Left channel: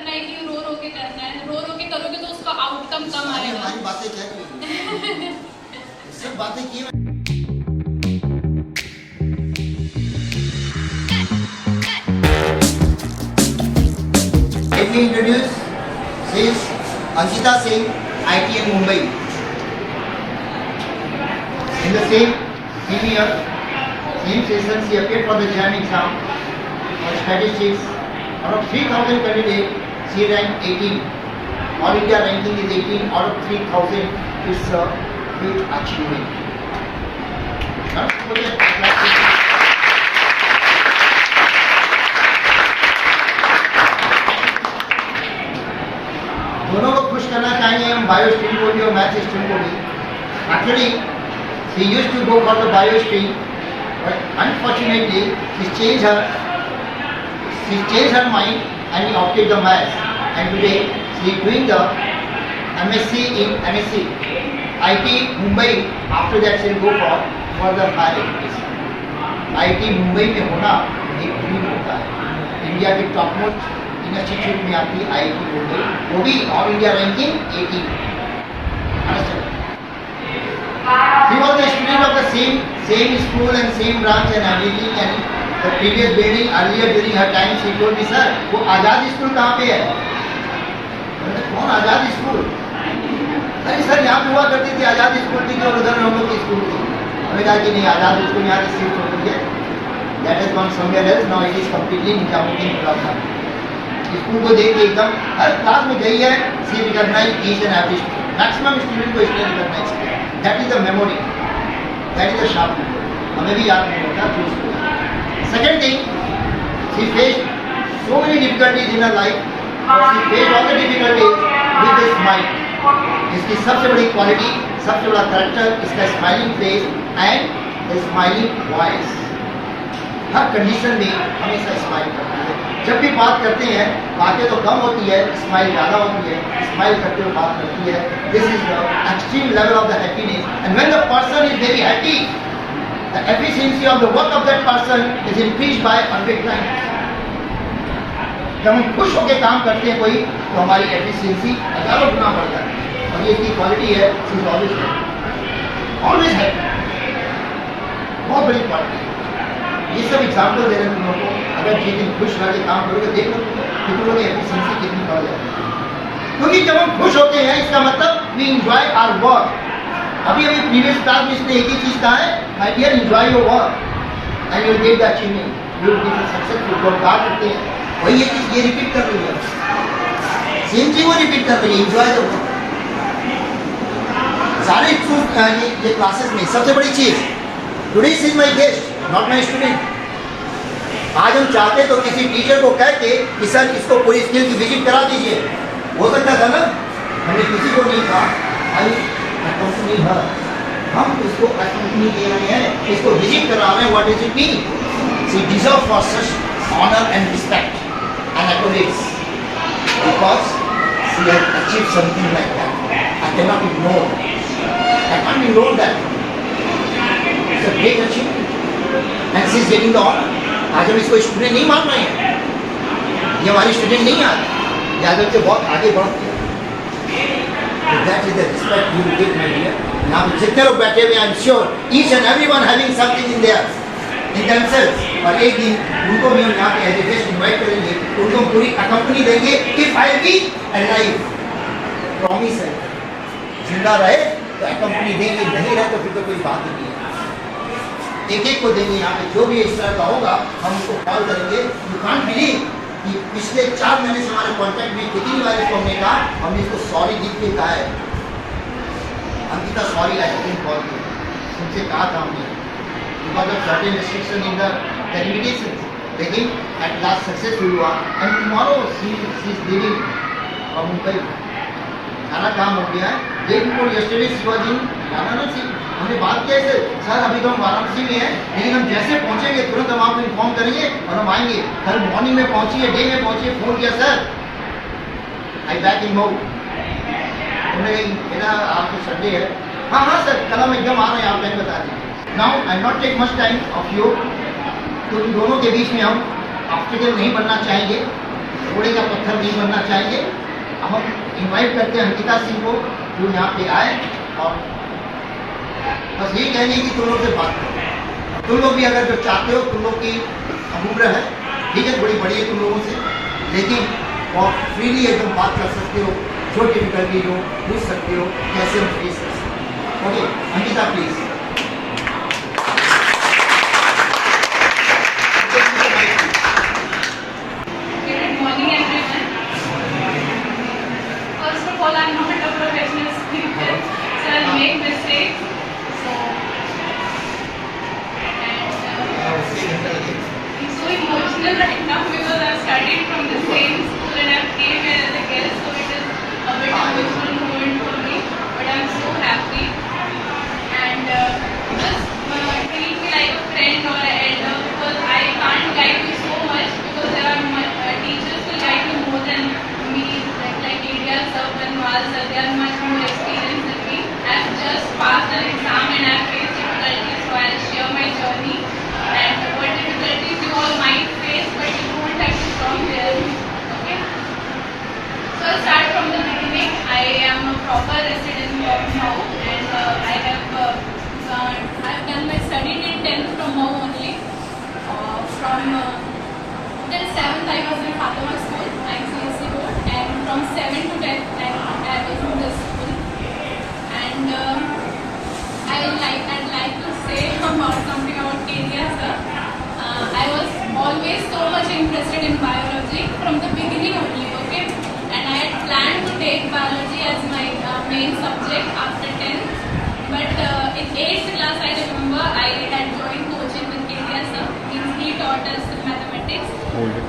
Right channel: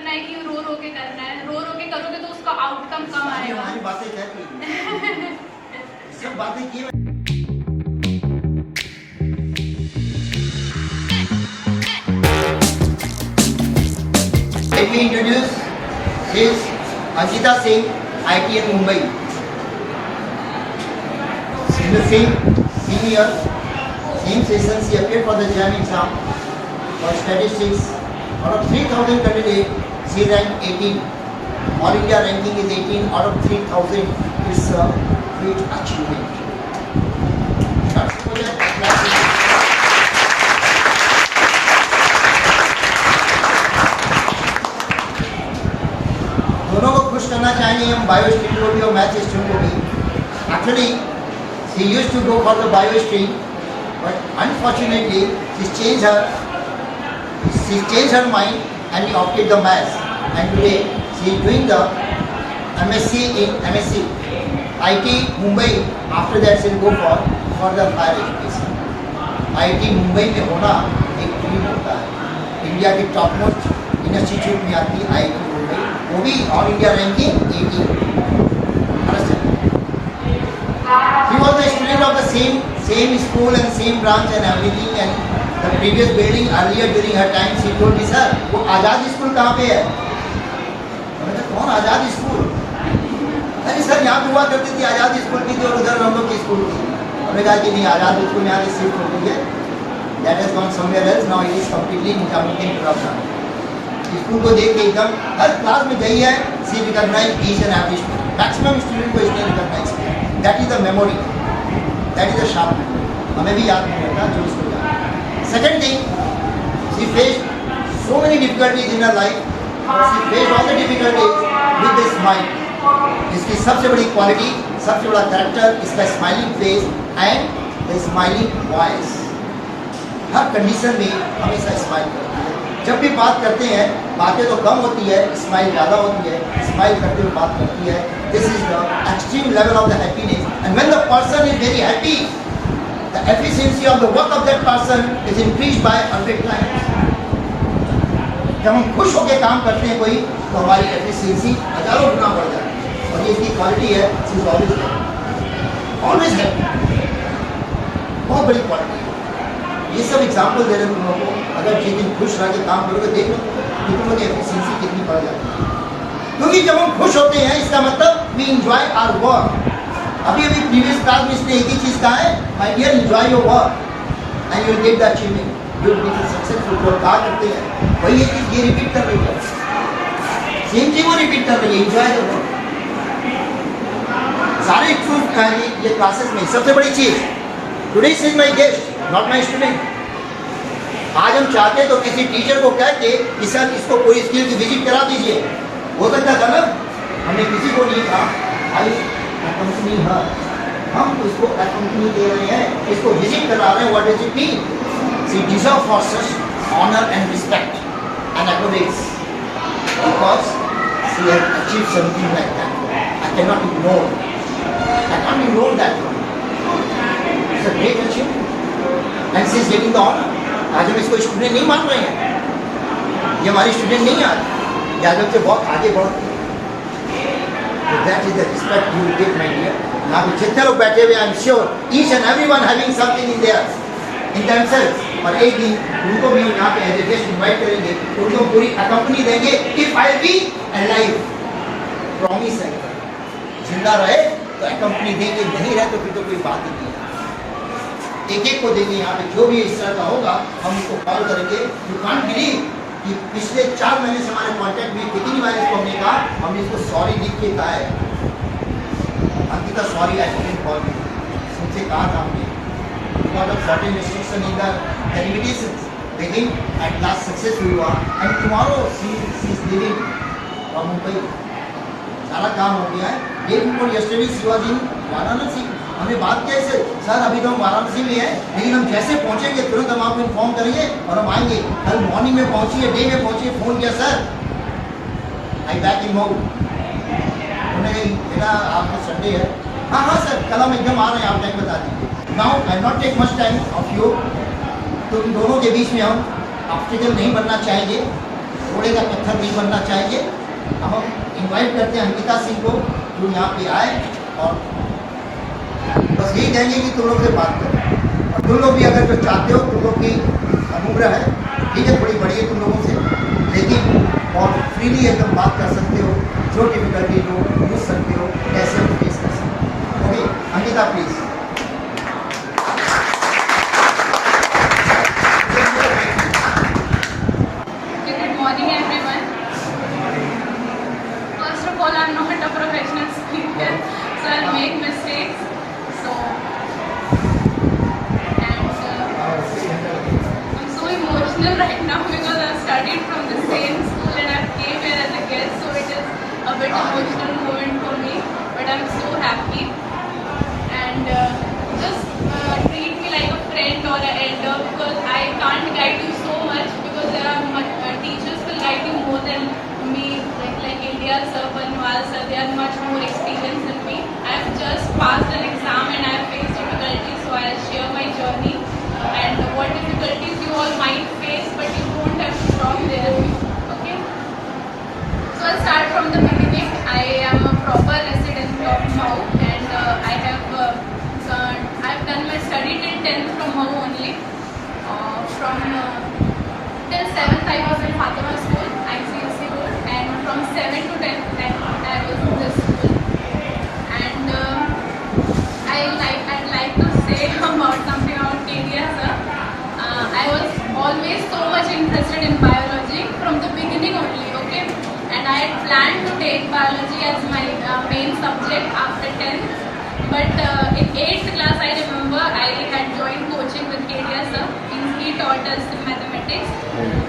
रखना है कि रो रो के करना है, रो रो के करोगे तो उसका आउटकम कम आएगा। हमारी बातें क्या की सब बातें की Let me introduce this Ankita Singh, ITM Mumbai. In the same year, same session, she appeared for the JAM exam for statistics. Out of 3,000 candidates, she ranked 18. All India ranking is 18 out of 3,000 is a huge achievement. दोनों को खुश करना चाहेंगे हम, bio stream को भी और math stream को भी. Actually, she used to go for the bio stream, but unfortunately, she changed her mind and she opted the maths. And today, she is doing the MSc in MSc IT Mumbai. After that, she will go for the higher education. IT Mumbai में होना एक dream होता है. India की top most institute में आती है IIT Mumbai, वो भी all India ranking 18. He was a student of the same school and same branch and everything, and the previous building earlier during her time she told me, sir, वो आजाद school कहाँ पे है? मैंने कौन आजाद स्कूल? अरे sir यहाँ पे हुआ करती थी आजाद स्कूल थी जो उधर हम लोग की स्कूल थी. हमें कहा कि नहीं आजाद स्कूल यहाँ से शिफ्ट हो गई है. That has gone somewhere else. Now it is completely Nizamuddin Prasad. School को देख के एकदम हर क्लास में गई है. She recognized each and every student. Maximum student को इसने recognize किया. That is the memory. That is the sharp memory. हमें भी याद नहीं होगा जो इसको याद. Second thing, she faced so many difficulties in her life. She faced all the difficulties with a smile. इसकी सबसे बड़ी क्वालिटी, सबसे बड़ा कैरेक्टर इसका smiling face and the smiling voice. Her condition में हमेशा स्माइल करती है. जब भी बात करते हैं बातें तो कम होती है, स्माइल ज़्यादा होती है. स्माइल करते हुए बात करती है. This is the extreme level of the happiness. And when the person is very happy, the efficiency of the work of that person is increase by 100 times. जब हम खुश होकर काम करते हैं कोई, तो हमारी एफिशिएंसी हजारों गुना बढ़ जाती है. और ये इसकी क्वालिटी है. She is always happy. बहुत बड़ी क्वालिटी है. ये सब एग्जाम्पल दे रहे हैं तुम लोगों को. अगर जिस दिन खुश रह के काम करोगे देख लो कि तुम लोगों की एफिशिएंसी कितनी बढ़ जाती है. क्योंकि जब हम खुश होते हैं इसका मतलब वी एंजॉय आवर वर्क. अभी प्रीवियस क्लास में इसने एक ही चीज़ कहा है, my dear enjoy your work and you will get the achievement. You will be successful. जो क्या करते हैं वही ये चीज़ ये रिपीट कर रही है. सेम चीज़ वो रिपीट कर रही है, एंजॉय द वर्क. सारे ये क्लासेस में सबसे बड़ी चीज़, today is my guest not my student. आज हम चाहते तो किसी टीचर को कह के कि सर इसको पूरी स्किल की विजिट करा दीजिए. हो सकता था ना. हमने किसी को नहीं कहा, कंपनी है, हम इसको कंपनी दे रहे हैं, इसको विजिट करा रहे हैं. What is it mean? She deserve for such honour and respect and acknowledge because she has achieved something like that. I can not ignore. I can't ignore that. It's a great achievement and she is getting the honour. आज हम इसको student नहीं मान रहे हैं, ये हमारी student नहीं आती. यादव से बहुत आगे बढ़ती है. That is the respect you will get my dear. यहाँ पे जितने लोग बैठे हुए, I am sure each and everyone having something in there in themselves. और एक दिन उनको भी हम यहाँ पे एज ए गेस्ट इनवाइट करेंगे, उनको हम पूरी कंपनी देंगे. If I be alive, promise है जिंदा रहे तो कंपनी देंगे, नहीं रहे तो फिर तो कोई बात ही नहीं है. एक एक को देंगे. यहाँ पे जो भी इस तरह का होगा हम उसको कॉल करेंगे. यू कांट बिलीव कि पिछले 4 महीने से हमारे कॉन्टैक्ट में कितनी बार इसको हमने कहा, हमने इसको सॉरी लिख के कहा है. Ankita sorry I didn't call you. उनसे कहा था हमने because of certain restriction in the limitations. लेकिन एट लास्ट सक्सेसफुल हुआ and tomorrow she is living from Mumbai. सारा काम हो गया है. Day before yesterday she was in Varanasi. हमने बात किया सर अभी तो हम वाराणसी में हैं, लेकिन हम जैसे पहुंचेंगे तुरंत हम आपको इन्फॉर्म करेंगे और हम आएंगे. कल मॉर्निंग में पहुंचिए, डे में पहुंचिए. फोन किया sir I back in Mau. उन्होंने कहा आज तो संडे है. हाँ हाँ सर कल हम एकदम आ रहे हैं, आप टाइम बता दीजिए. Now I not take much time of you. तो इन दोनों के बीच में हम ऑब्स्टिकल नहीं बनना चाहेंगे. थोड़े का पत्थर नहीं बनना चाहिए। अब हम इनवाइट करते हैं अंकिता सिंह को, जो यहाँ पे आए और बस यही कहेंगे कि तुम लोग से बात करो। और तुम लोग भी अगर जो चाहते हो, तुम लोग की उम्र है, ठीक है, थोड़ी बड़ी है तुम लोगों से, लेकिन और फ्रीली एकदम बात कर सकते हो, जो डिफिकल्टी हो पूछ सकते हो, कैसे हम फेस कर सकते हो। Okay Ankita please. Good morning, everyone. First of all, I'm not a professional speaker, so I'll make mistakes. So, and I'm so emotional right now because I've studied from the same school and I've came here as a guest, so it is a bit emotional moment for me. But I'm so happy, and just treat me like a friend or an elder because I can't guide you so much because there are teachers will guide you more than me, like India sir, Panwal sir, they are much more experienced than me. I've just passed an exam and I've faced difficulties, so I'll share my journey and what difficulties you all might face, but you won't have to stop there. Okay? So I'll start from the beginning. I am a proper resident of Mau and I've done my study till 10th from Mau only. From till 7th I was in Fatima school, ICSE board, and from 7th to 10th I was in this school. And I'd like to say about something about KDS sir. I was always so much interested in biology from the beginning only, okay? And I had planned to take biology as my main subject after 10th. But in 8th class I remember I had joined coaching with KDS sir. He taught us mathematics.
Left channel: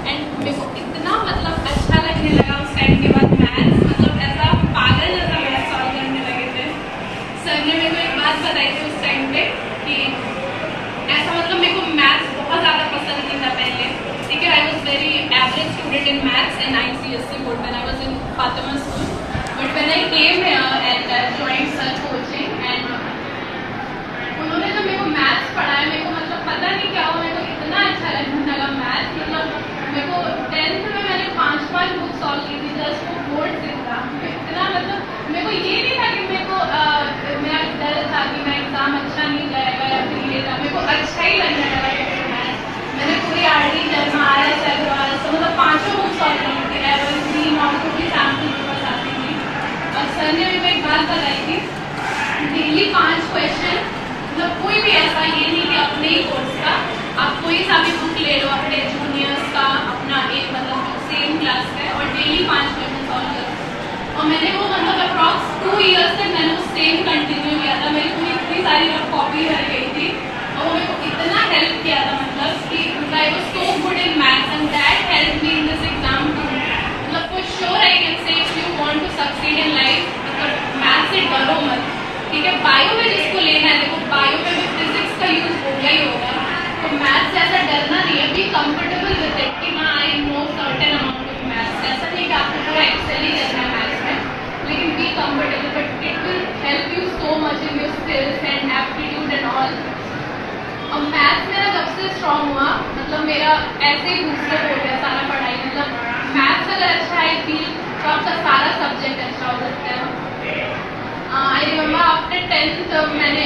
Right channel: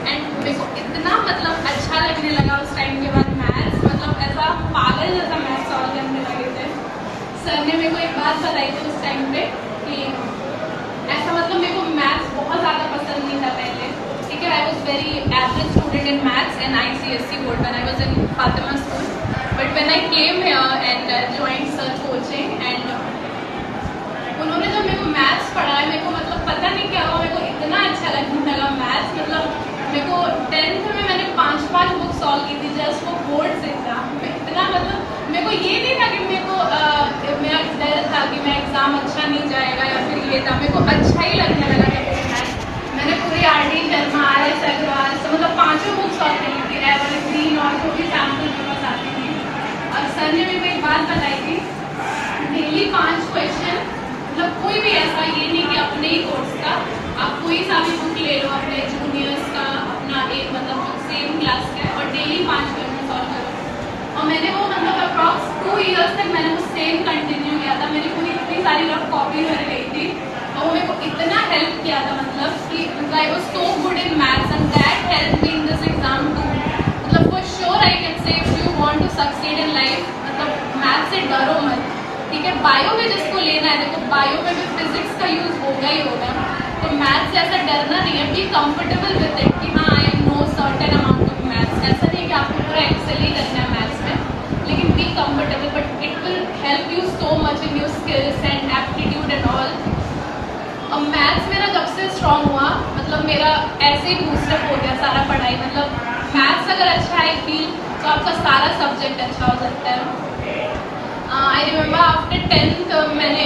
And मेरे को इतना मतलब अच्छा लगने लगा उस time के बाद मैथ्स, मतलब ऐसा पागल जैसा मैथ्स सॉल्व करने लगे थे। सर ने मेरे को एक बात बताई थी उस टाइम पे कि ऐसा मतलब मेरे को मैथ्स बहुत ज़्यादा पसंद नहीं था पहले, ठीक है। I was very average student in maths and ICSE board when I was in Fatima school, but when I came here and joined sir coaching and उन्होंने जब मेरे को मैथ्स पढ़ाया, मेरे को मतलब पता नहीं क्या हुआ, मेरे को इतना अच्छा लगने लगा मैथ्स। मतलब मेरे को 10th में मैंने 5 बुक सॉल्व की थी जस्ट वो बोर्ड से था। इतना मतलब मेरे को ये नहीं था कि मेरे को मेरा डर था कि मैं एग्ज़ाम अच्छा नहीं जाएगा या फिर ये था, मेरे को अच्छा ही लगने लगा मैथ्स। मैंने पूरी RD शर्मा RS अग्रवाल से मतलब 5 बुक सॉल्व की थी, एवरेज और जो भी सैम्पल मेरे पास आती थी। और सर ने मेरे को एक बात बताई थी, डेली 5 क्वेश्चन, मतलब कोई भी ऐसा ये नहीं कि अपने ही कोर्स का, आप कोई सा भी बुक ले लो अपने जूनियर्स का, अपना एक मतलब सेम क्लास का, और डेली 5 क्वेश्चन सॉल्व करो। और मैंने वो मतलब अप्रॉक्स 2 ईयर्स तक मैंने वो सेम कंटिन्यू किया था। मेरी पूरी इतनी सारी रफ कॉपी रह गई थी और वो मेरे को इतना हेल्प किया था, मतलब कि I was so good in maths and that help me in this exam too. मतलब for sure I can say if you want to succeed in life, मतलब मैथ्स से डरो मत, ठीक है। बायो में जिसको लेना है, देखो बायो में भी फिजिक्स का यूज होगा ही होगा, तो मैथ्स से ऐसा डरना नहीं है, बी कंफर्टेबल विद इट कि हाँ I know certain amount of maths. ऐसा नहीं कि आपको पूरा एक्सेल ही करना है मैथ्स में, लेकिन be comfortable, but it will help you so much in your skills and aptitude and all. और मैथ्स मेरा जब से स्ट्रॉन्ग हुआ, मतलब मेरा ऐसे ही बूस्टअप हो गया सारा पढ़ाई। मतलब मैथ्स अगर अच्छा है फील तो आपका सारा सब्जेक्ट अच्छा हो सकता है। आई रिमेंबर आफ्टर 10th मैंने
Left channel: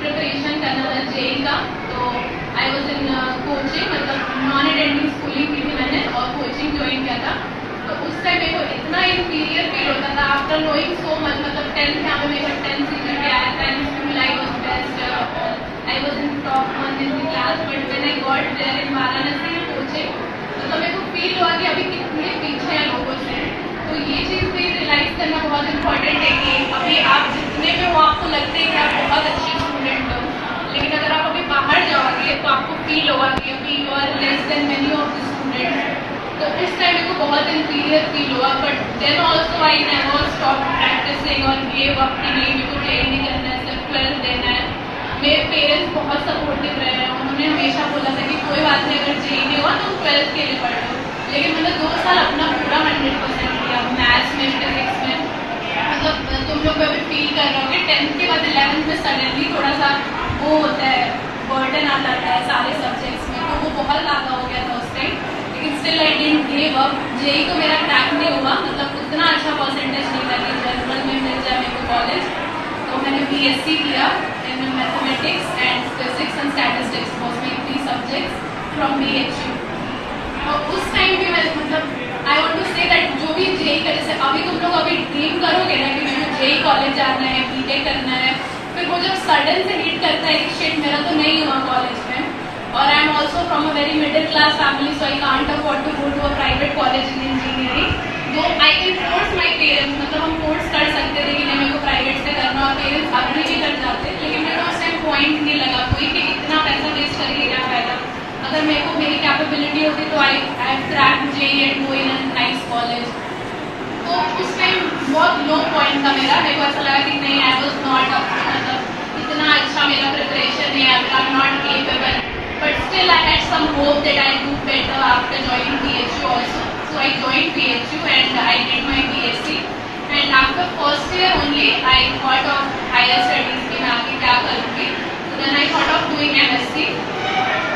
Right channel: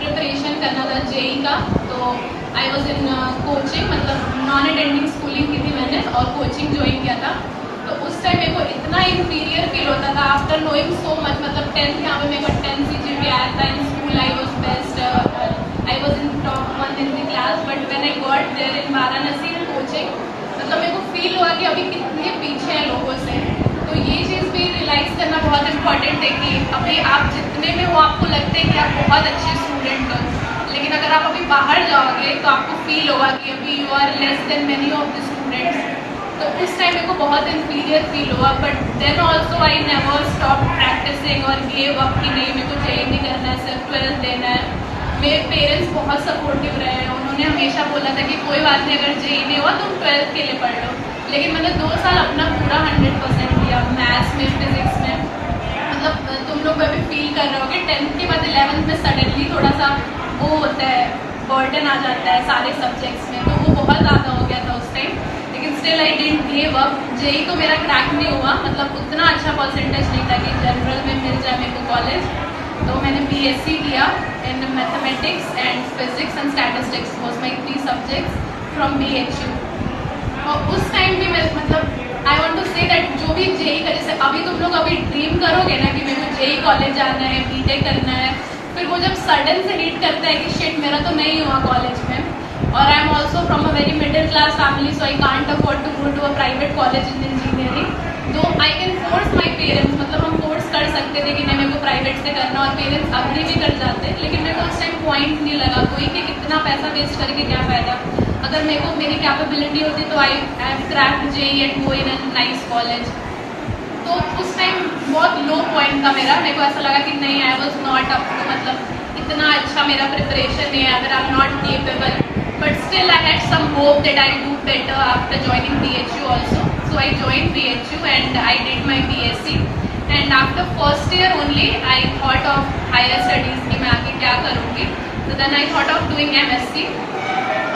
प्रिपरेशन करना था JEE का, तो आई वॉज इन कोचिंग, मतलब नॉन अटेंडिंग स्कूलिंग की थी मैंने और कोचिंग ज्वाइन किया था। तो उस टाइम मेरे को इतना इंफीरियर फील होता था आफ्टर नोइंग सो मच। मतलब 10th यहाँ पे मेरे को 10 CGPA आया था, in school I was best, I was in top 1 in the class, but when I got there in Varanasi में कोचिंग, मतलब मेरे को फील हुआ कि अभी कितने पीछे हैं लोगों से। तो ये चीज़ भी रियलाइज़ करना बहुत इंपॉर्टेंट है कि अभी आप जितने में हो आपको लगता है कि आप बहुत अच्छे स्टूडेंट हो, लेकिन अगर आप अभी बाहर जाओगे तो आपको फील होगा कि अभी you are less than many of the students. तो उस टाइम मेरे को बहुत इंफीरियर फील हुआ, but then also I never stop practicing और गिव अप कि नहीं मेरे को JEE नहीं करना है, सिर्फ 12th देना है। मेरे पेरेंट्स बहुत सपोर्टिव रहे हैं, उन्होंने हमेशा बोला था कि कोई बात नहीं, अगर JEE नहीं हुआ तुम 12th के लिए पढ़ लो। लेकिन मैंने 2 साल अपना पूरा 100% दिया मैथ्स में, फिजिक्स में। मतलब तुम लोग अभी फील कर रहे हो कि 10th के बाद 11th में सडनली थोड़ा सा वो होता है, बर्डन आ जाता है सारे सब्जेक्ट्स में, तो वो बहुत ज़्यादा हो गया था उस टाइम। लेकिन still I didn't give up. JEE तो मेरा क्रैक नहीं हुआ, मतलब उतना अच्छा परसेंटेज नहीं था कि जनरल में मिल जाए मेरे को कॉलेज। तो मैंने बीएससी किया in mathematics and physics and statistics, was my 3 subjects from BHU. और उस टाइम भी मैं मतलब I want to say that जो भी जेई का, जैसे अभी तुम लोग अभी ड्रीम करोगे ना कि मेरे को जेई कॉलेज जाना है, बीटेक करना है, फिर वो जब सडन से हिट करता है कि शिट मेरा तो नहीं हुआ कॉलेज में, और I am also from a very middle class family, so I can't afford to go to a private college in engineering. Though I can force my parents, मतलब हम फोर्स कर सकते थे कि नहीं मेरे को प्राइवेट से करना, और पेरेंट्स अभी भी कर जाते, लेकिन मेरे को उस टाइम पॉइंट नहीं लगा कोई कि इतना पैसा वेस्ट करके क्या फायदा। अगर मेरे को मेरी कैपेबिलिटी होती तो I crack JEE and go in a nice college. तो उस टाइम बहुत लो पॉइंट था मेरा, मेरे को ऐसा लगा कि नहीं आई वॉज नॉट अप, मतलब इतना अच्छा मेरा प्रिपरेशन है, आई am not capable, but still I had some hope that I'll do better after joining BHU also. So I joined BHU and I did my BSc, and after first year only I thought of higher studies कि मैं आगे क्या करूँगी। So then I thought of doing MSc,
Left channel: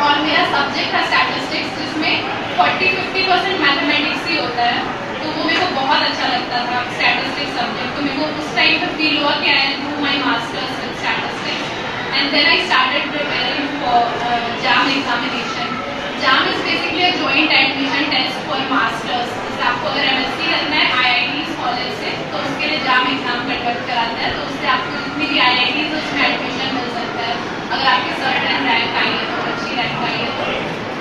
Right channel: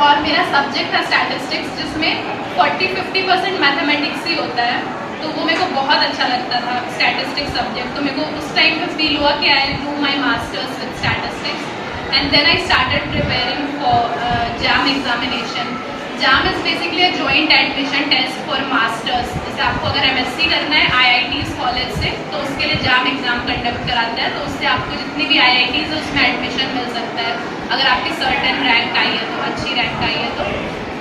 और मेरा subject था statistics, जिसमें 40-50% mathematics ही होता है, तो वो मेरे को बहुत अच्छा लगता था स्टैटिस्टिक्स सब्जेक्ट। तो मेरे को उस टाइम पे फील हुआ कि I will do my masters with statistics, and then I started preparing for JAM examination. JAM is basically a joint admission test for masters. जैसे आपको अगर MSc करना है IITs कॉलेज से, तो उसके लिए JAM एग्जाम कंडक्ट कराता है, तो उससे आपको जितनी भी IITs है उसमें एडमिशन मिल सकता है, अगर आपकी सर्टेन रैंक आई है तो, अच्छी रैंक आई है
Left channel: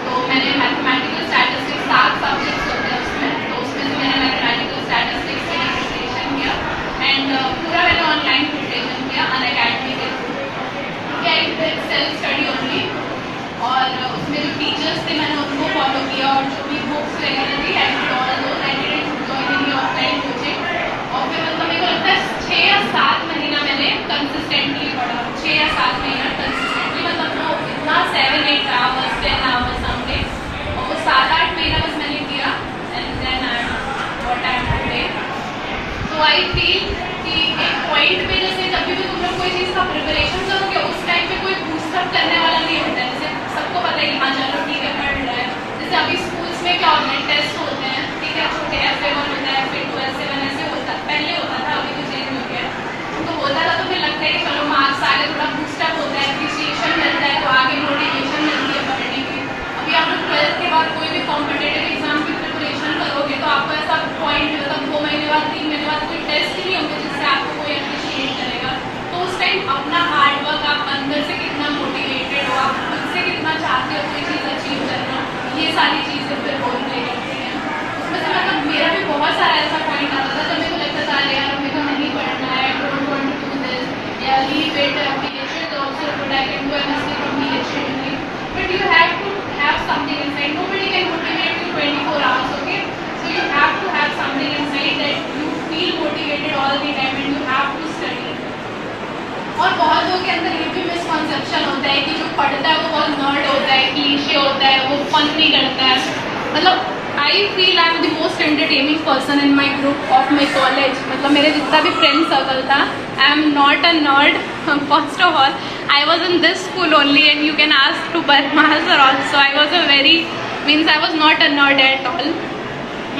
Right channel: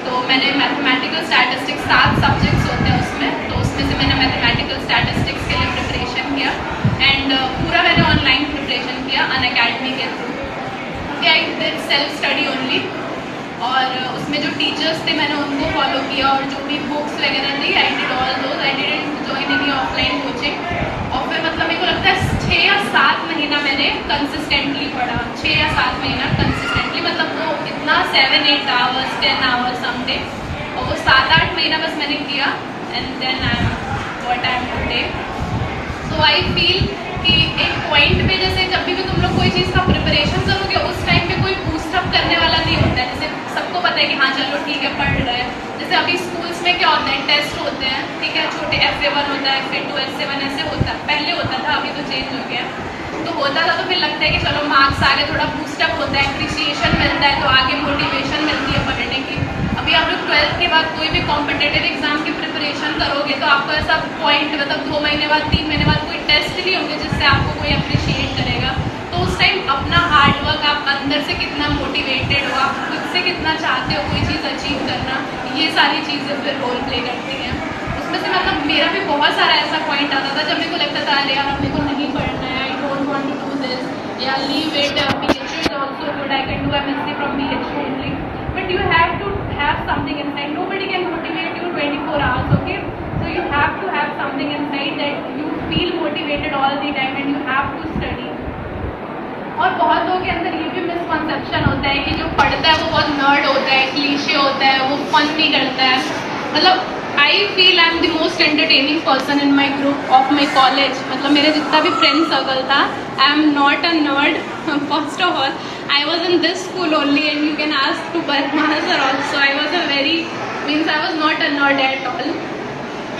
तो मैंने मैथमेटिकल स्टैटिस्टिक्स 7 सब्जेक्ट्स होते हैं उसमें, तो उसमें से मैंने मैथमेटिकल स्टैटिस्टिक्स के लिए प्रिपरेशन किया, एंड पूरा मैंने ऑनलाइन प्रिपरेशन किया अनअकैडमी के through. I did self study only, और उसमें जो टीचर्स थे मैंने उनको फॉलो किया, और जो भी बुक्स वगैरह थी I did all those, I didn't join any offline coaching. और फिर मतलब मेरे को लगता है 6 या 7 महीना मैंने कंसिस्टेंटली पढ़ा, 6 या 7 महीना कंसिस्टेंटली, मतलब वो इतना 7-8 आवर्स 10 आवर्स समडे, और वो 7-8 महीना बस मैंने किया, and then I am what I am today. तो आई फील कि एक पॉइंट पे जैसे जब भी तुम लोग कोई चीज़ का प्रिपरेशन करोगे उस टाइम पे कोई बूस्टअप करने वाला नहीं होता है। जैसे सबको पता है कि हाँ चलो ठीक है पढ़ रहा है, जैसे अभी स्कूल्स में क्या होता है, टेस्ट होते हैं, ठीक है, छोटे FA1 होता है, FA2 SA1 ऐसे होता है, पहले होता था, अभी तो चेंज हो गया। तो होता था तो फिर लगता है कि चलो मार्क्स आगे थोड़ा बूस्टअप होता है, एप्रिसिएशन मिलता है, तो आगे मोटिवेशन मिलती है पढ़ने की। अभी आप लोग 12th के बाद कोई भी कॉम्पिटेटिव एग्जाम की प्रिपरेशन करोगे तो आपको ऐसा पॉइंट, मतलब 2 महीने बाद 3 महीने बाद कोई टेस्ट नहीं होंगे जिससे आपको कोई अप्रिशिएट करेगा। तो उस टाइम अपना हार्डवर्क, आप अंदर से कितना मोटिवेटेड हो, आप खुद से कितना चाहते हो कोई चीज़ अचीव करना, ये सारी चीज़ें फिर रोल प्ले करती हैं। उसमें से मतलब मेरा भी बहुत सारा ऐसा पॉइंट आता था जब मेरे को लगता था अरे यार मेरे को नहीं पढ़ना है, don't want to do this, या leave it, BHU is also good, I can do MSc from BHU only, but you have to have something inside. Nobody can motivate you 24 hours, okay? So you have to have something inside that you feel motivated all the time and you have to study. और बहुत लोगों के अंदर ये भी misconception होता है कि जो पढ़ता है वो बहुत नर्ड होता है, क्लीशे होता है, वो फन नहीं करता है। मतलब I feel I am the most entertaining person in my group of my college. मतलब मेरे जितना भी फ्रेंड सर्कल था, आई am not a nerd. First of all I was in this school only, and you can ask to Parmar sir also. I was I was not a nerd at all.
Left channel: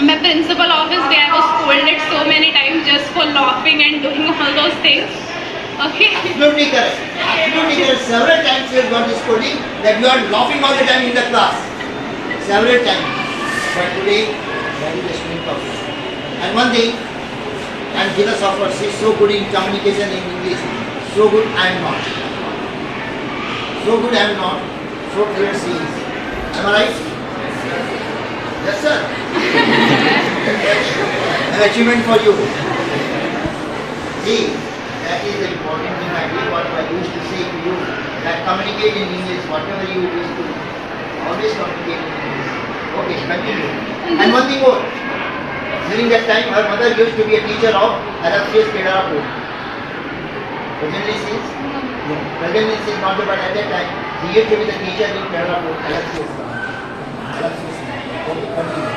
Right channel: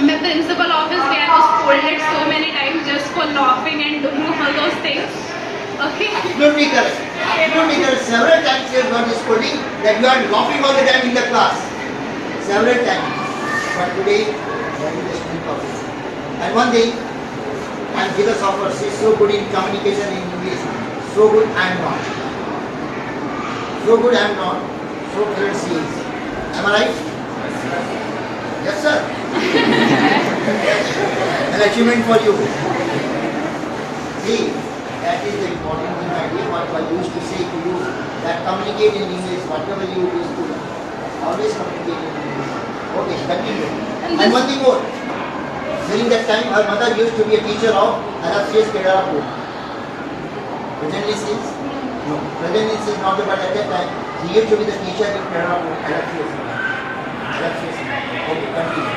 My principal office where I was scolded so many times just for laughing and doing all those things. Okay. Absolutely correct. Absolutely correct. Several times you have got this scolding that you are laughing all the time in the class. Several times. But today, that is the strength of it. And one thing, and Jita Software, she is so good in communication in English. So good I am not. So good I am not, so great she is. Am I right? Yes, sir. An achievement for you. See, that is the important thing I did, what I used to say to you, that communicate in English, whatever you used to, always communicate in English. Okay, continue. And one thing more. During that time, her mother used to be a teacher of LFCS Kedarapur. Presently she is? No. Presently she is not, but at that time, she used to be the teacher in Kedarapur, LFCS. Okay, continue.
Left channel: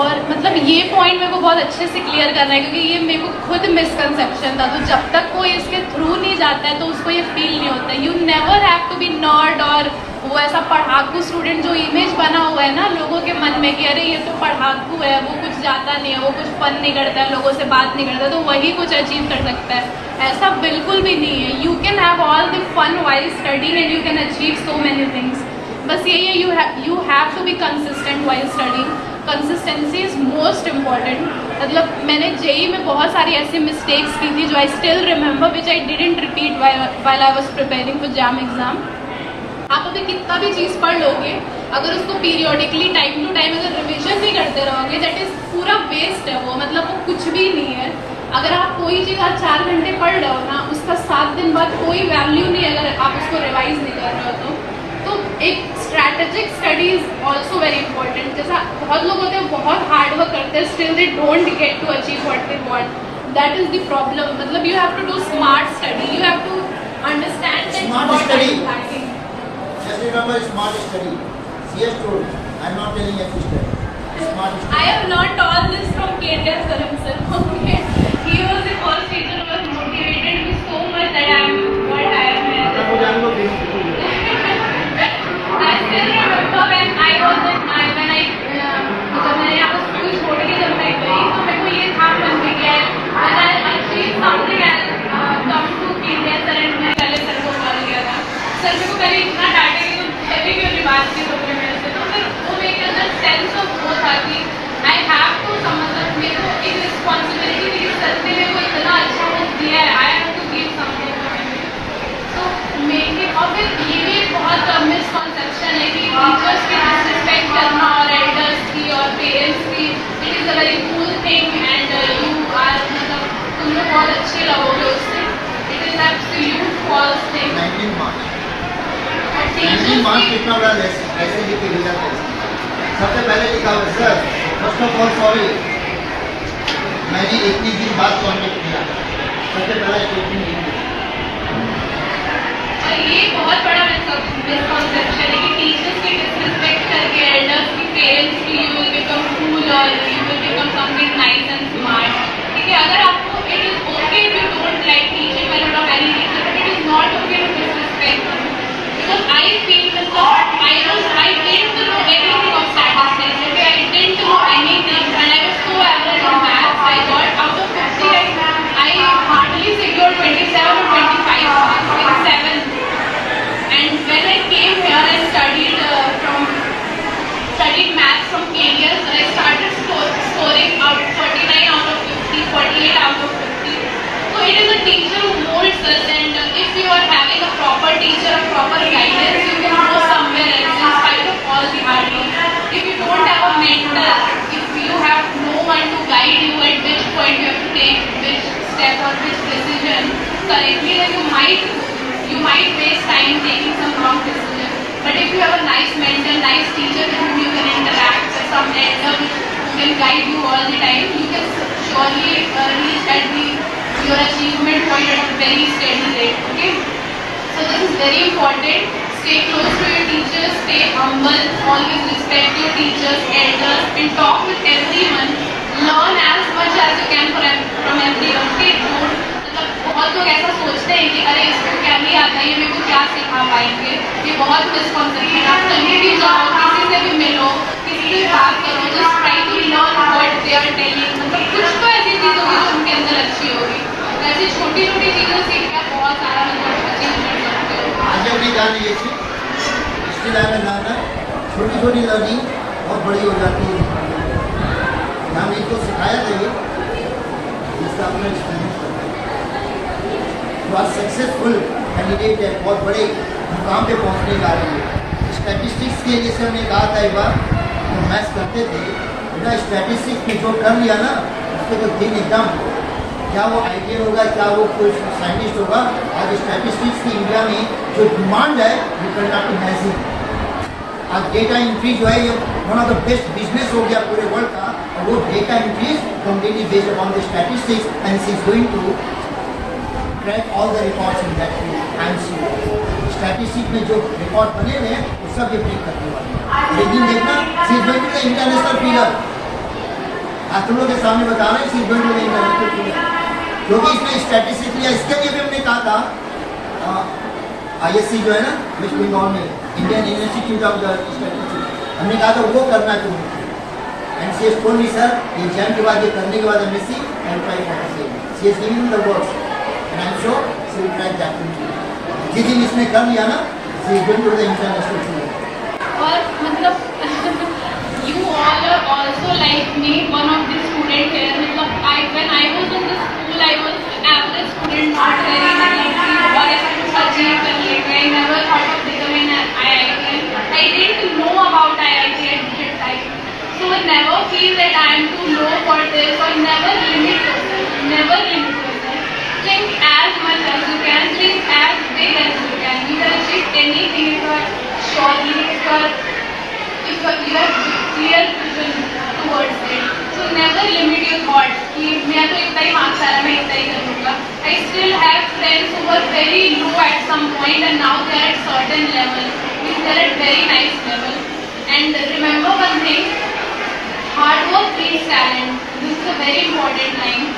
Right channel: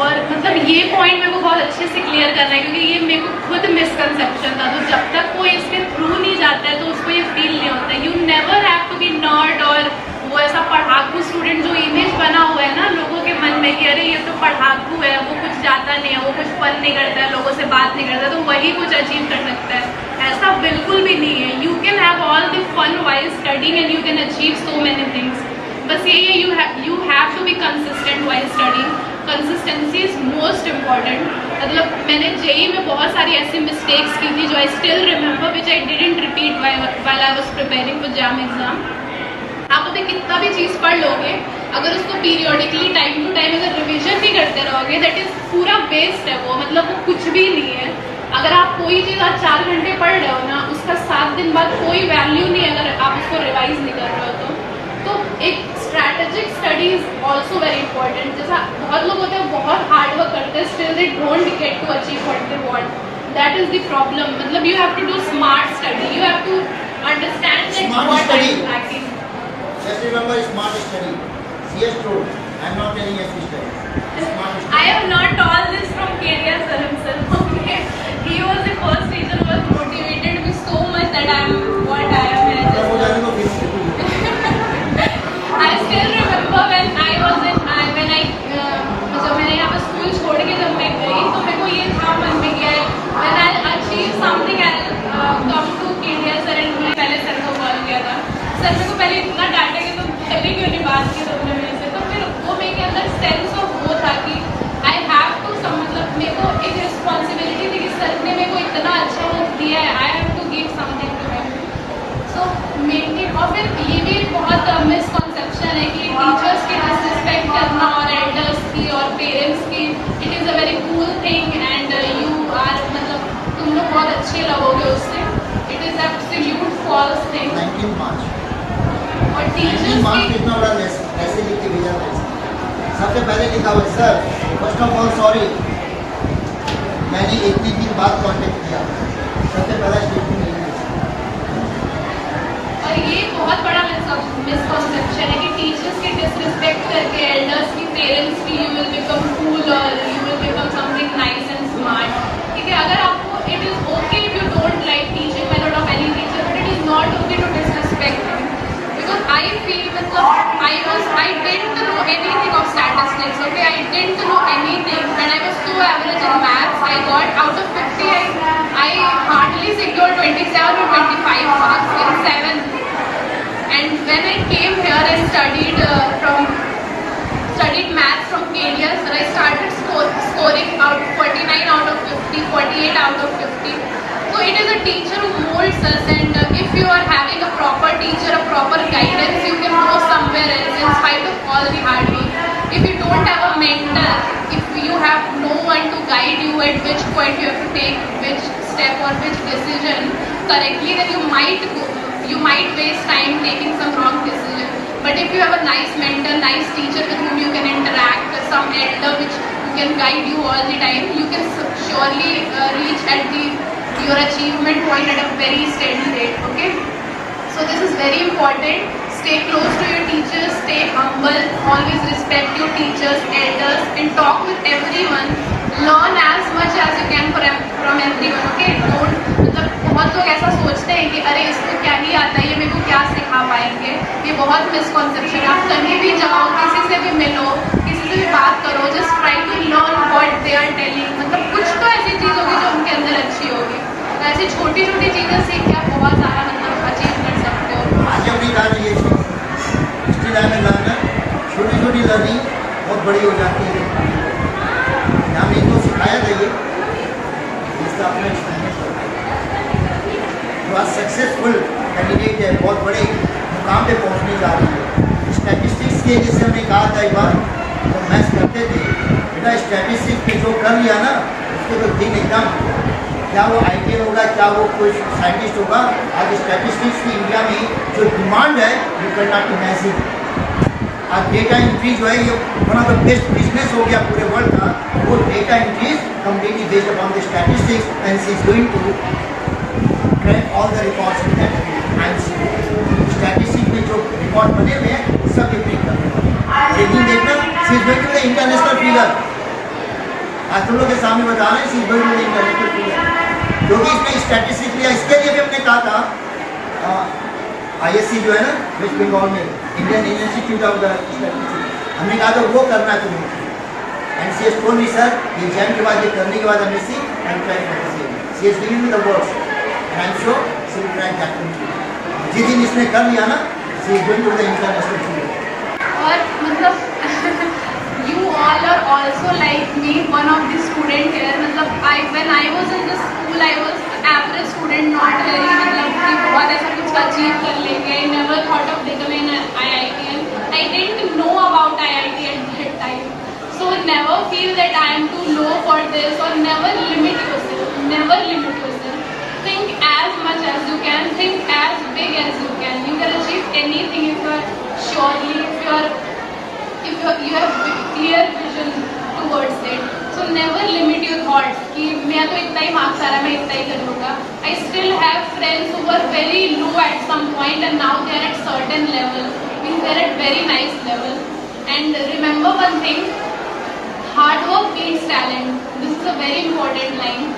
और मतलब ये point मेरे को बहुत अच्छे से clear करना है, क्योंकि ये मेरे को खुद मिसकंसेप्शन था। तो जब तक कोई इसके थ्रू नहीं जाता है तो उसको ये फील नहीं होता है। You never have to be nerd और वो ऐसा पढ़ाकू स्टूडेंट जो इमेज बना हुआ है ना लोगों के मन में कि अरे ये तो पढ़ाकू है, वो कुछ जाता नहीं है, वो कुछ फन नहीं करता है, लोगों से बात नहीं करता, तो वही कुछ अचीव कर सकता है। ऐसा बिल्कुल भी नहीं है। You can have all the fun while studying and you can achieve so many things. बस यही है, you have to be consistent while studying. Consistency is most important. मतलब मैंने जेई में बहुत सारी ऐसी मिस्टेक्स की थी जो I still remember, which I didn't repeat while I was preparing for jam exam. आप अपने कितना भी चीज़ पढ़ लोगे, अगर उसको पीरियोडिकली टाइम टू टाइम अगर रिवीजन नहीं करते रहोगे, दैट इज पूरा वेस्ट है वो, मतलब वो कुछ भी नहीं है। अगर आप कोई चीज़ आज 4 घंटे पढ़ रहे हो ना, उसका 7 दिन बाद कोई वैल्यू नहीं है अगर आप उसको रिवाइज नहीं कर रहे हो तो एक strategic study is also very important. जैसा बहुत लोग होते हैं बहुत हार्ड वर्क करते हैं, still they don't get to achieve what they want. That is the problem. मतलब you have to do smart study, you have to understand that what I am lacking. Just remember smart study. CS told. I'm not telling you to study. Smart study. I have not all this from Kedia sir himself. Okay, he was the first teacher who was motivated me so much that I am what I am. I still remember when I was in when I जब मैंने यहाँ पर school छोड़ के जब मैं गई तो मेरे को ये था मन में गया when I achieve something I'll come to Kedia sir and मैंने पहले सर को कॉल किया था। सर मेरे को पहले इतना डांटे कि तुम पहले क्यों नहीं बात की तुमने मेरे से, तो फिर वो मेरे अंदर सेंस ऑफ वो था कि आई हैव टू मतलब मेरे को एक रिस्पॉन्सिबिलिटी थी कि सर ने मेरे को इतना अच्छा वो दिया है, I have to give something to him. So मेरे और फिर ये भी एक बहुत मिसकॉन्सेप्शन है कि टीचर्स की डिसरिस्पेक्ट करना और एल्डर्स की और पेरेंट्स की, it is a very cool thing and you are मतलब तुम लोग बहुत अच्छे लगोगे उससे। It is absolute false thing. 19 मार्च और 19 टीचर्स मार्च की कितना बड़ा ऐसे लिख के भेजा था। सबसे पहले लिखा हुआ sir first of all sorry, मैंने 21 दिन बाद कॉन्टेक्ट किया। सबसे पहला स्टेटमेंट लिख दिया। और ये बहुत बड़ा मिसकॉन्सेप्शन है कि टीचर्स की डिसरिस्पेक्ट करके एल्डर्स की, पेरेंट्स की, यू विल बिकम कूल और you will become something nice and smart. ठीक है, अगर आपको it is okay if you don't like teaching method of any teacher, but it is not okay to disrespect because I feel मतलब I didn't know anything of statistics. Okay, I didn't know anything and I was so average in maths. I got out of 50 I hardly secured 27 or 25 marks in 7th. And when I came here and studied maths from KDS, I started scoring out 49 out of 50, 48 out of 50. So it is a teacher who molds us, and if you are having a proper teacher, a proper guidance, you can go somewhere else in spite of all the hard work. If you don't have a mentor, if you have no one to guide you at which point you have to take which step or which decision correctly, then you might waste time taking some wrong decision. But if you have a nice mentor, nice teacher with whom you can interact, some elder which can guide you all the time, you can surely reach at your achievement point at a very steady rate. Okay, so this is very important. Stay close to your teachers, stay humble, always respect your teachers, elders, and talk with everyone. Learn as much as you can from everyone. Okay, मतलब बहुत लोग ऐसा सोचते हैं कि अरे इसको क्या नहीं आता है, ये मेरे को क्या सिखा पाएंगे। ये बहुत मिसकॉन्सेप्शन है। आप कहीं भी जाओ, किसी से भी मिलो, किसी से भी बात करो, just try to learn what they are telling. मतलब कुछ तो ऐसी चीज़ होगी जो उनके अंदर अच्छी होगी। ऐसी छोटी छोटी चीज़ों सीख के आप बहुत सारा मतलब अचीव कर सकते हो। आगे भी जान ये चीज़ इसके लिए हमें लर्नर छोटी छोटी लर्निंग बहुत बड़ी हो जाती है। हम इनको सिखाया देंगे जिसका अपना एक्सपीरियंस करता है। तो आज सक्सेसफुल कैंडिडेट है, बहुत बड़े मुकाम पे पहुंचने जा रही है। स्टैटिस्टिक्स के जैसे हमने कहा था एक बार तो मैथ्स करते थे, बेटा स्टैटिस्टिक्स में जो कर लिया ना उसके तो दिन एकदम, क्या वो आईटी होगा, क्या वो कोई साइंटिस्ट होगा। आज स्टैटिस्टिक्स की इंडिया में जो डिमांड है वो कैन नॉट इमेजिन। आज डेटा एंट्री जो है ये one of the best business हो गया पूरे वर्ल्ड का। वो data entry completely based upon the statistics and she is going to crack all the records in that and statistics में जो रिकॉर्ड बने हुए हैं वो सब ये ब्रेक करने वाले हैं। लेकिन देखना she is going to the international figure. आज तुम लोग के सामने बता रहे हैं she is going to the international figure, क्योंकि इसमें स्टैटिस्टिक्स लिया। इसके लिए भी हमने कहा था ISC जो है ना वेस्ट बंगाल में, Indian Institute of the Statistics, हमने कहा था वो करना है तुम्हें। And C S told me sir exam के बाद ये करने के बाद MSc I am trying C S given the words and I am sure she will try that too. जिस दिन इसने कर लिया ना she is going to the international field. और मतलब you all are also like me, one of the student here. मतलब when I was in the school, I was average student, not very मतलब और ऐसा कुछ achieve कर लेगा. I never thought of becoming an IIT. I didn't know about IIT at that time. So never feel that I am too low for this, or never limit yourself. Never limit yourself. Think as much as you can. Think as big as you can. You can achieve anything if you are surely, if you have clear vision towards it. So never limit your thoughts कि मैं तो इतना ही marks आ रहा है, मैं इतना ही कर लूँगा. I still have friends who were very low at some point and now they are at certain level. Means they are at very nice level. And remember one thing, hard work beats talent. This is a very important line.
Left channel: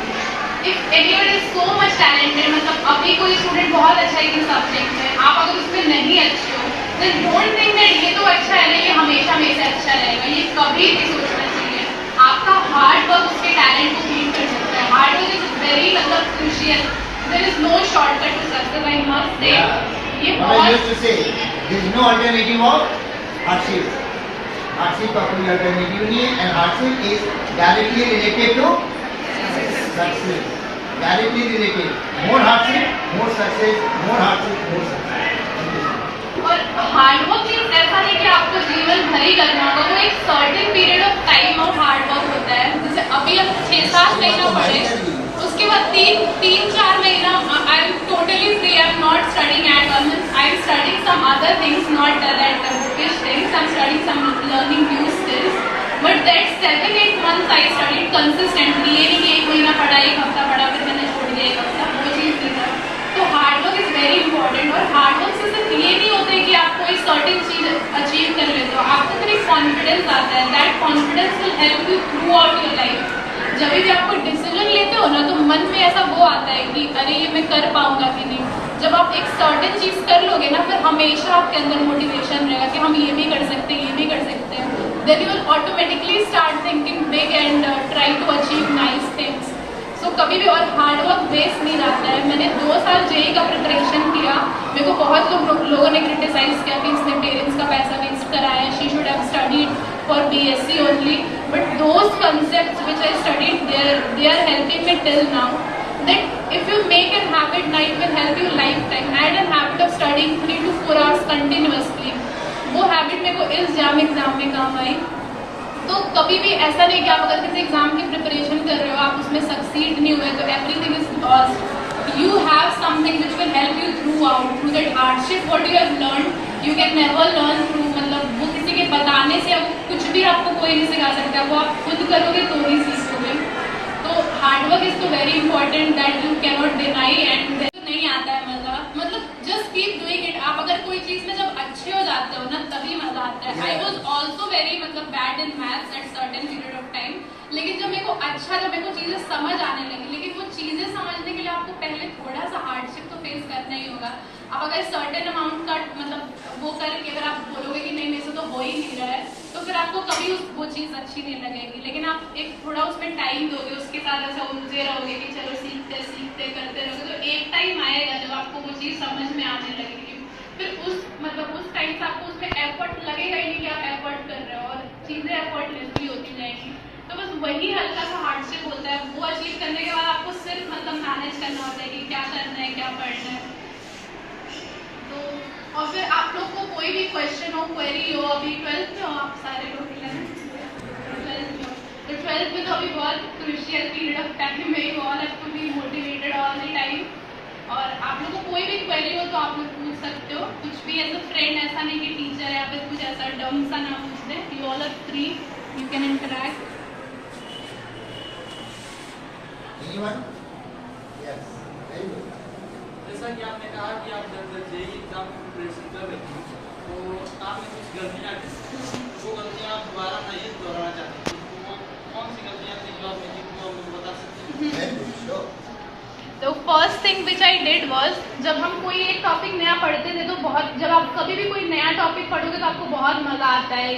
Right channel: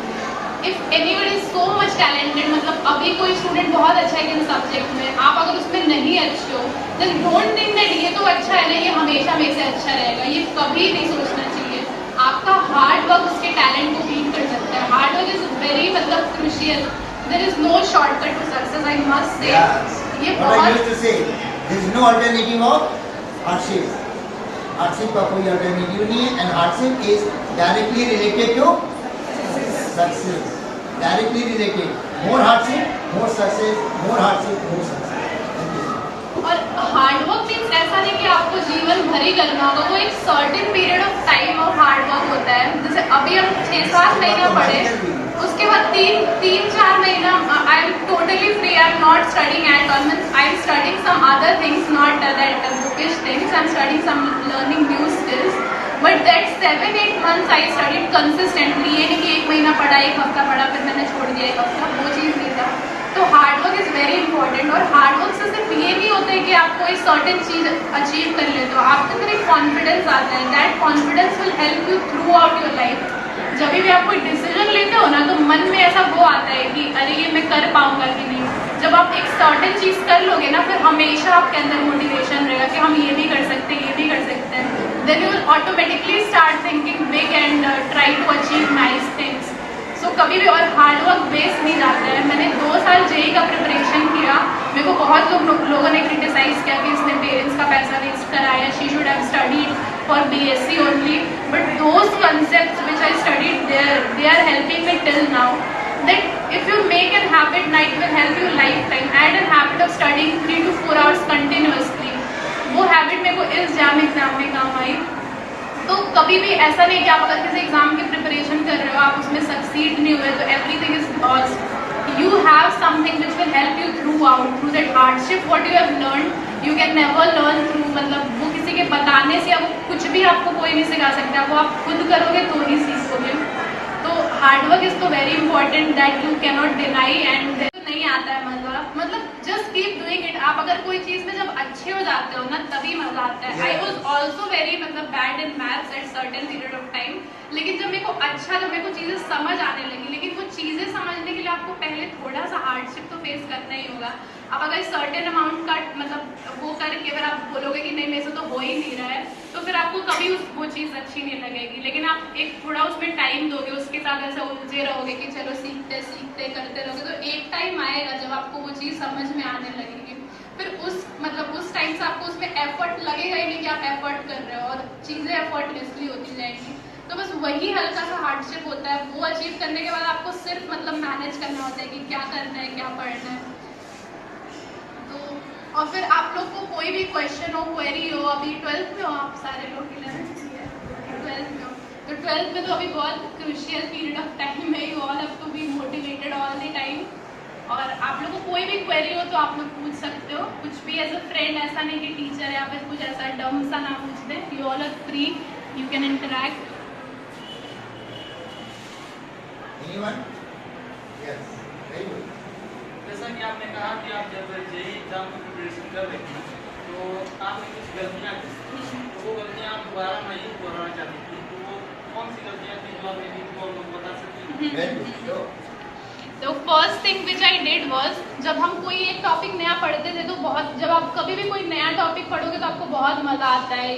If anyone is so much talented, मतलब अभी कोई student बहुत अच्छा है इस subject में, आप अगर उसमें नहीं अच्छे हो, then don't think that ये तो अच्छा है ना, ये हमेशा में से अच्छा रहेगा. ये कभी नहीं सोचना चाहिए. आपका हार्ड वर्क उसके टैलेंट को बीट कर सकता है. हार्ड वर्क इज वेरी मतलब crucial. There is no shortcut to success, I must say. ये बहुत there is no alternative of hardship. Hardship का कोई alternative नहीं है, and hardship is directly related to success. Directly related. More hardship, more success. More hardship, more success. और hard work means ऐसा नहीं कि आपको जीवन भर ही करना होगा. वो एक certain period of time of hard work होता है. जैसे अभी हम 6-7 महीना पढ़े, उसके बाद 3-4 महीना I am totally free. I am not studying at all. I am studying some other things, not that bookish things. I am studying some learning new skills. But that 7-8 months I studied consistently. ये नहीं कि एक महीना पढ़ा, एक हफ्ता पढ़ा, फिर मैंने छोड़ दिया एक हफ्ता. वो चीज़ नहीं था. तो hard work is very important. और हार्ड वर्क से सिर्फ ये नहीं होता है कि आप कोई सर्टेन चीज़ अचीव कर लेते हो. आपके अंदर एक कॉन्फिडेंस आता है. That confidence will help you through out your life. जब भी आप कोई डिसीजन लेते हो ना, तो मन में ऐसा वो आता है कि अरे ये मैं कर पाऊंगा कि नहीं. जब आप एक सर्टेन चीज़ कर लोगे ना, फिर हमेशा आपके अंदर मोटिवेशन रहेगा कि हम ये भी कर सकते हैं, ये भी कर सकते हैं. Then you will automatically start thinking big and try to achieve nice things. So कभी भी और हार्ड वर्क वेस्ट नहीं जाता है. मैंने 2 साल जेई का प्रिपरेशन किया. मेरे को बहुत लोगों ने क्रिटिसाइज किया कि इसने पेरेंट्स का पैसा वेस्ट कराया, she should have studied for BSc only. But those concepts which I studied they are helping me till now. That if you make an habit ना, it will help you lifetime. Add an habit of studying 3 to 4 hours continuously. वो habit मेरे को इस exam में काम आई. तो कभी भी ऐसा नहीं कि आप अगर किसी एग्जाम की प्रिपरेशन कर रहे हो, आप उसमें सक्सीड नहीं हुए तो everything is lost. You have something which will help you through out through that hardship. What you have learn you can never learn through, मतलब वो किसी के बताने से, अब कुछ भी आपको कोई नहीं सिखा सकता. वो आप खुद करोगे तो ही सीखोगे. तो हार्ड वर्क इज तो very important that you can not deny. And नहीं आता है मजा, मतलब जस्ट कीप डूइंग इट. आप अगर कोई चीज में जब अच्छे हो जाते हो ना, तभी मजा आता है. आई वॉज ऑल्सो वेरी मतलब bad in maths at certain period of time. लेकिन जब मेरे को अच्छा, जब मेरे को चीजें समझ आने लगी. लेकिन वो चीजें समझने के लिए आपको पहले थोड़ा सा हार्डशिप तो फेस करना ही होगा. अब अगर सर्टेन अमाउंट का मतलब वो करके अगर आप बोलोगे कि नहीं मेरे से तो हो ही नहीं रहा है, तो फिर आपको कभी वो चीज़ अच्छी नहीं लगेगी. लेकिन आप एक थोड़ा उसमें टाइम दोगे, उसके साथ ऐसा उलझे रहोगे कि चलो सीखते सीखते करते रहोगे, तो एक टाइम आएगा जब आपको वो चीज़ समझ में आने लगेगी. फिर उस टाइम से आपको उसमें एफर्ट लगेगा ही नहीं कि आप एफर्ट कर रहे हो, और चीज़ें एफर्टलेसली होती जाएंगी. तो बस वही हल्का सा हार्डशिप होता है. वो अचीव करने के बाद आपको सिर्फ मतलब मैनेज करना होता है कि क्या करना है, क्या पढ़ना है. तो और फिर आप लोग को कोई भी क्वेश्चन हो, क्वेरी हो, अभी 12th में हो आप सारे लोग, 12th में हो, तो 12th में तो अभी बहुत क्रूशियल पीरियड ऑफ टाइम है. You all have to be motivated all the time. और आप लोग को कोई भी क्वेरी हो तो आप लोग पूछ सकते हो कुछ भी एज अ फ्रेंड. ऐसा नहीं कि टीचर या फिर कुछ ऐसा डम सा ना पूछ दे. You all are free, you can interact. Anyone? Yes. Very good. जैसा कि आपने कहा कि आप जब जेई एग्जाम की प्रिपरेशन कर रही थी, तो आपने कुछ गलतियाँ की. वो गलतियाँ आप दोबारा नहीं दोहराना चाहती थी, तो वो कौन सी गलतियाँ थी जो आपने की, वो आप लोग बता सकती हैं? Very good. So, तो first thing which I did was, जब हम कोई एक टॉपिक नया पढ़ते थे तो बहुत, जब आप कभी भी कोई नया टॉपिक पढ़ोगे तो आपको बहुत मज़ा आता है,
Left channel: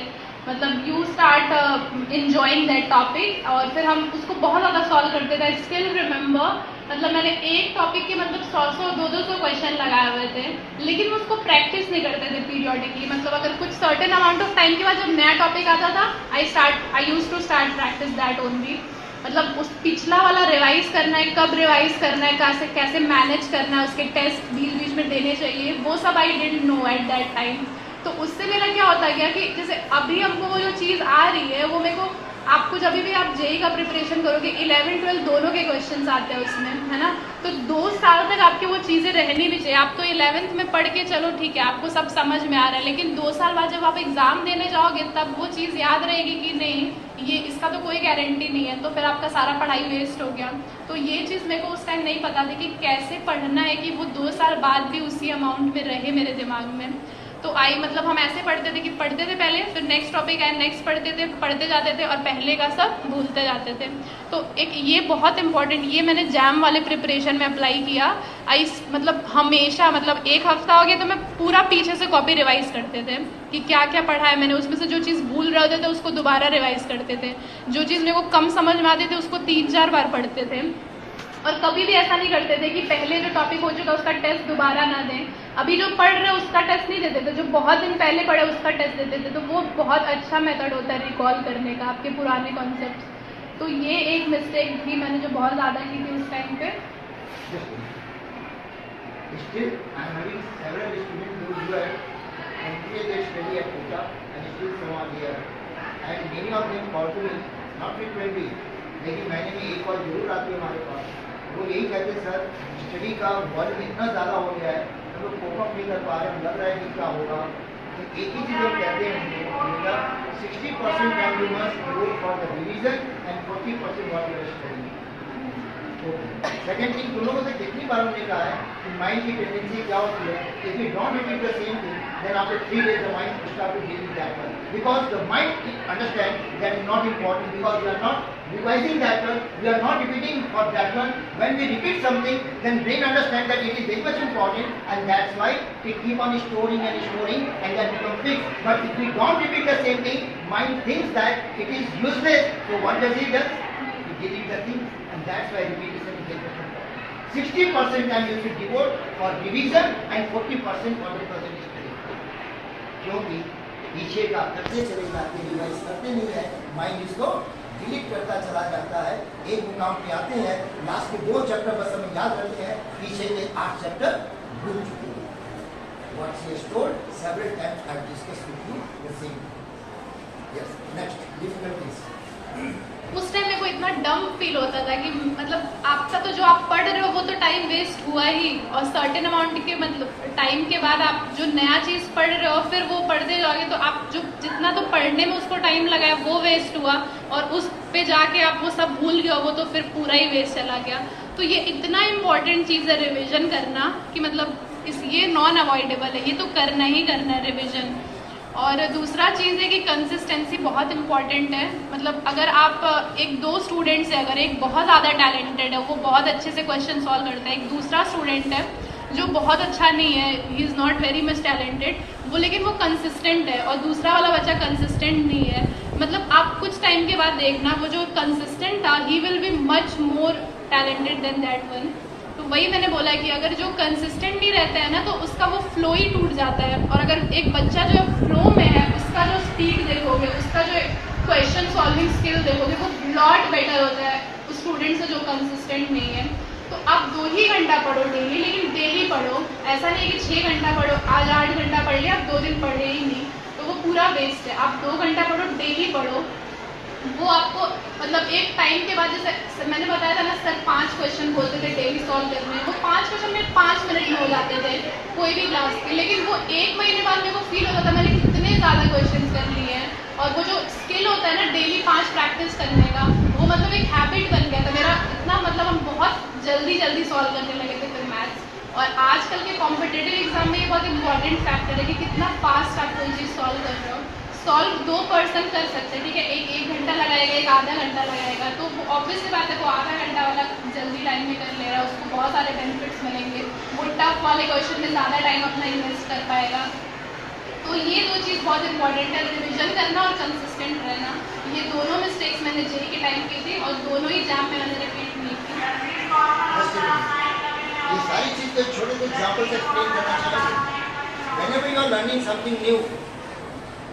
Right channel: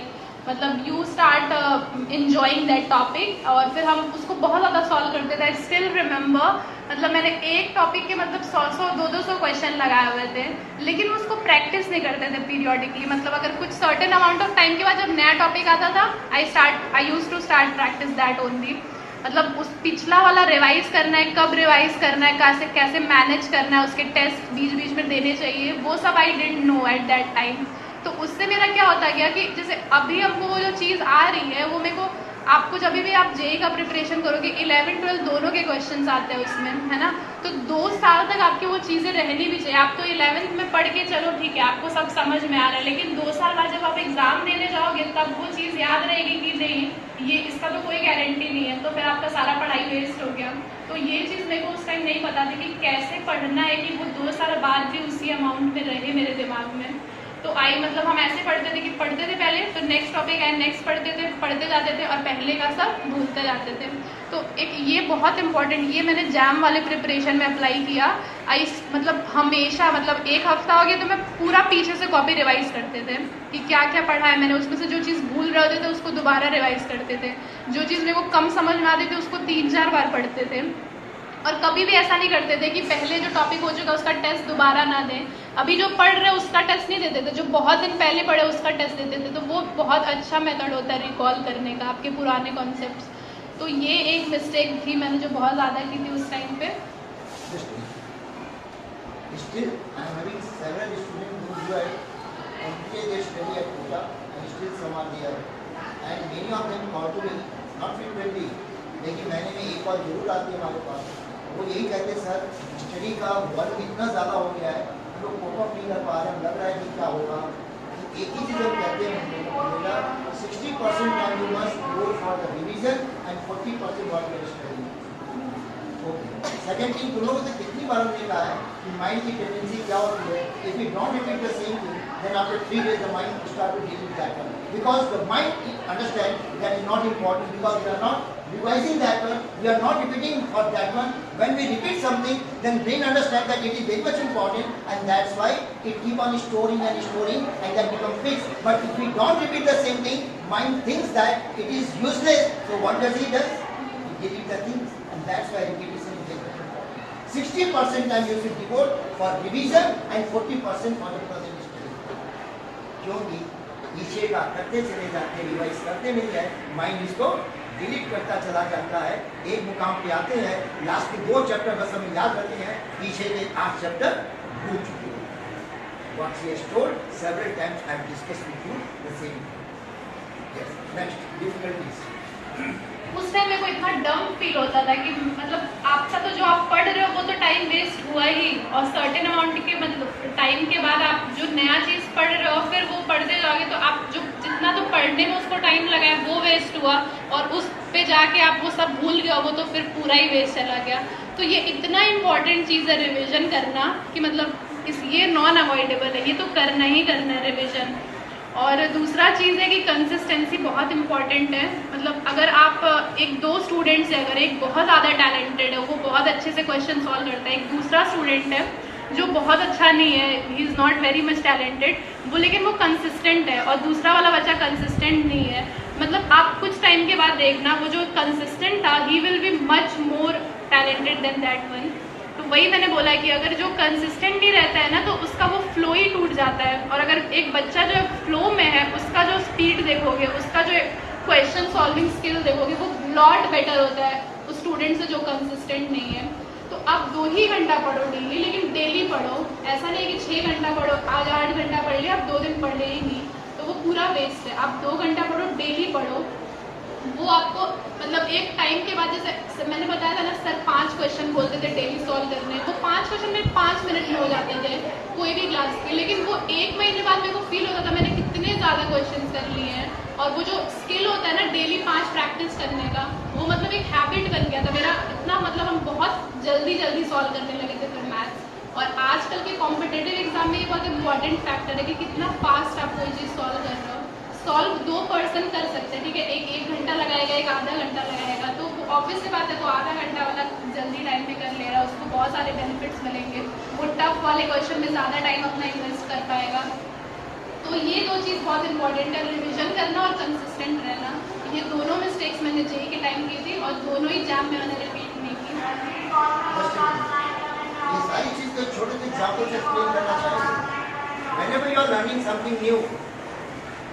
मतलब you start enjoying that topic, और फिर हम उसको बहुत ज़्यादा सॉल्व करते थे। आई स्टिल रिमेंबर, मतलब मैंने एक टॉपिक के मतलब 100 200 क्वेश्चन लगाए हुए थे, लेकिन उसको प्रैक्टिस नहीं करते थे पीरियोडिकली। मतलब अगर कुछ सर्टेन अमाउंट ऑफ टाइम के बाद जब नया टॉपिक आता था, I use to start practice that only. मतलब उस पिछला वाला रिवाइज करना है, कब रिवाइज करना है, कैसे कैसे मैनेज करना है, उसके टेस्ट बीच बीच में देने चाहिए, वो सब I didn't know at that time. तो उससे मेरा क्या होता गया कि जैसे अभी हमको वो जो चीज़ आ रही है वो मेरे को, आपको जब भी आप जेई का प्रिपरेशन करोगे 11 12 दोनों के क्वेश्चंस आते हैं उसमें, है ना, तो 2 साल तक आपकी वो चीज़ें रहनी भी चाहिए। आप तो 11th में पढ़ के चलो ठीक है, आपको सब समझ में आ रहा है, लेकिन 2 साल बाद जब आप एग्जाम देने जाओगे तब वो चीज़ याद रहेगी कि नहीं, ये इसका तो कोई गारंटी नहीं है, तो फिर आपका सारा पढ़ाई वेस्ट हो गया। तो ये चीज़ मेरे को उस टाइम नहीं पता था कि कैसे पढ़ना है कि वो 2 साल बाद भी उसी अमाउंट में रहे मेरे दिमाग में। तो मतलब हम ऐसे पढ़ते थे कि पढ़ते थे पहले, फिर नेक्स्ट टॉपिक आए, नेक्स्ट पढ़ते थे, पढ़ते जाते थे, और पहले का सब भूलते जाते थे। तो एक ये बहुत इंपॉर्टेंट, ये मैंने जैम वाले प्रिपरेशन में अप्लाई किया। मतलब हमेशा, मतलब एक हफ्ता हो गया तो मैं पूरा पीछे से कॉपी रिवाइज करते थे कि क्या क्या पढ़ा है मैंने, उसमें से जो चीज़ भूल रहे होते थे उसको दोबारा रिवाइज करते थे, जो चीज़ मेरे को कम समझ में आती थी उसको 3-4 बार पढ़ते थे। और कभी भी ऐसा नहीं करते थे कि पहले जो टॉपिक हो चुका उसका टेस्ट दोबारा ना दें, अभी जो पढ़ रहे उसका टेस्ट नहीं देते थे, जो बहुत दिन पहले पढ़े उसका टेस्ट देते थे। तो वो बहुत अच्छा मेथड होता है रिकॉल करने का आपके पुराने कॉन्सेप्ट्स। तो ये एक मिस्टेक थी मैंने जो बहुत ज़्यादा की थी उस टाइम पे। Still, I am having several students who have completed their study at Kota and still some are there. And many of them call to me, not frequently, लेकिन महीने में एक बार जरूर आती है हमारे पास। वो यही कहते हैं सर स्टडी का वर्क इतना ज़्यादा हो गया है, हम लोग कोप अप नहीं कर पा रहे हैं, लग रहा है कि क्या होगा। तो एक ही चीज़ हम कहते हैं 60% time you must go for the revision and 40% for your study. Second thing, तुम लोगों से कितनी बार हमने कहा है कि माइंड की टेंडेंसी क्या होती है, if you don't repeat the same thing then after 3 days the mind will start to deal with that one, because the mind understand that is not important, because we are not revising that one, we are not repeating for that one. When we repeat something, then brain understand that it is very much important, and that's why it keep on storing and that become fixed. But if we don't repeat the same thing, mind thinks that it is useless, so what does it do? It delete the things, and that's why repetition is important. 60% time you should devote for revision and 40% for the present study. क्योंकि पीछे का करते चले जाते, revise करते नहीं है, mind इसको डिलीट करता चला जाता है। एक मुकाम पे आते हैं, लास्ट के 2 चैप्टर बस हमें याद रहते हैं, पीछे के 8 चैप्टर भूल चुके हैं। What she has told several times, I have discussed with you the same. Yes, next difficulties. उस टाइम मेरे को इतना डम फील होता था कि मतलब आपका तो जो आप पढ़ रहे हो वो तो टाइम वेस्ट हुआ ही, और सर्टेन अमाउंट के मतलब टाइम के बाद आप जो नया चीज़ पढ़ रहे हो फिर वो पढ़ते जाओगे तो आप जो जितना तो पढ़ने में उसको टाइम लगाया वो वेस्ट हुआ, और उस पे जाके आप वो सब भूल गए हो तो फिर पूरा ही वेस्ट चला गया। तो ये इतना इम्पॉर्टेंट चीज़ है रिविजन करना कि मतलब ये नॉन अवॉइडेबल है, ये तो करना ही करना है रिविजन। और दूसरा चीज़ है कि कंसिस्टेंसी बहुत इंपॉर्टेंट है। मतलब अगर आप 1-2 स्टूडेंट से, अगर एक बहुत ज़्यादा टैलेंटेड है, वो बहुत अच्छे से क्वेश्चन सॉल्व करता है, एक दूसरा स्टूडेंट है जो बहुत अच्छा नहीं है, he is not very much talented, वो लेकिन वो कंसिस्टेंट है और दूसरा वाला बच्चा कंसिस्टेंट नहीं है, मतलब आप कुछ टाइम के बाद देखना वो जो कंसिस्टेंट था ही will be much more talented than that one. तो वही मैंने बोला है कि अगर जो कंसिस्टेंट नहीं रहता है ना तो उसका वो फ्लो ही टूट जाता है। और अगर एक बच्चा जो फ्लो में है उसका जो स्पीड देखोगे, उसका जो क्वेश्चन सॉल्विंग स्किल देखोगे वो लॉट बेटर होता है उस स्टूडेंट से जो कंसिस्टेंट नहीं है। तो आप 2 ही घंटा पढ़ो डेली, लेकिन डेली पढ़ो, ऐसा नहीं कि 6 घंटा पढ़ो, आज 8 घंटा पढ़ लिया, आप 2 दिन पढ़े ही नहीं, तो वो पूरा वेस्ट है। आप 2 घंटा पढ़ो, डेली पढ़ो, वो आपको मतलब एक टाइम के बाद, जैसे मैंने बताया था ना सर 5 क्वेश्चन बोलते थे डेली सॉल्व करने, वो 5 क्वेश्चन में 5 मिनट में हो जाते थे कोई भी क्लास के, लेकिन वो 1 महीने बाद मेरे को फील होता था मैंने कितने ज़्यादा क्वेश्चन कर लिए हैं। और वो जो स्किल होता है ना डेली 5 प्रैक्टिस करने का, वो मतलब एक हैबिट बन गया था मेरा इतना, मतलब हम बहुत जल्दी सॉल्व करने लगे थे फिर मैथ्स। और आजकल के कॉम्पिटेटिव एग्जाम में ये बहुत इंपॉर्टेंट फैक्टर है कि कितना फास्ट आप कोई चीज़ सॉल्व कर रहे हो। सॉल्व 2 पर्सन कर सकते हैं, ठीक है, एक घंटा लगाएगा, एक आधा घंटा लगाएगा, तो ऑब्वियस सी बात है वो आधा घंटा वाला जल्दी लाइन में कर ले रहा है, उसको बहुत सारे टफ वाले क्वेश्चन में ज़्यादा टाइम अपना इन्वेस्ट कर पाएगा। तो ये दो चीज़ बहुत इंपॉर्टेंट है, रिविजन करना और कंसिस्टेंट रहना। ये दोनों मिस्टेक्स मैंने जेई के टाइम की थी और दोनों ही एग्जाम में मैंने रिपीट नहीं की। ये सारी चीज़ को एक छोटे से एग्जाम्पल से एक्सप्लेन करना चाहेंगे। Whenever you are learning something new,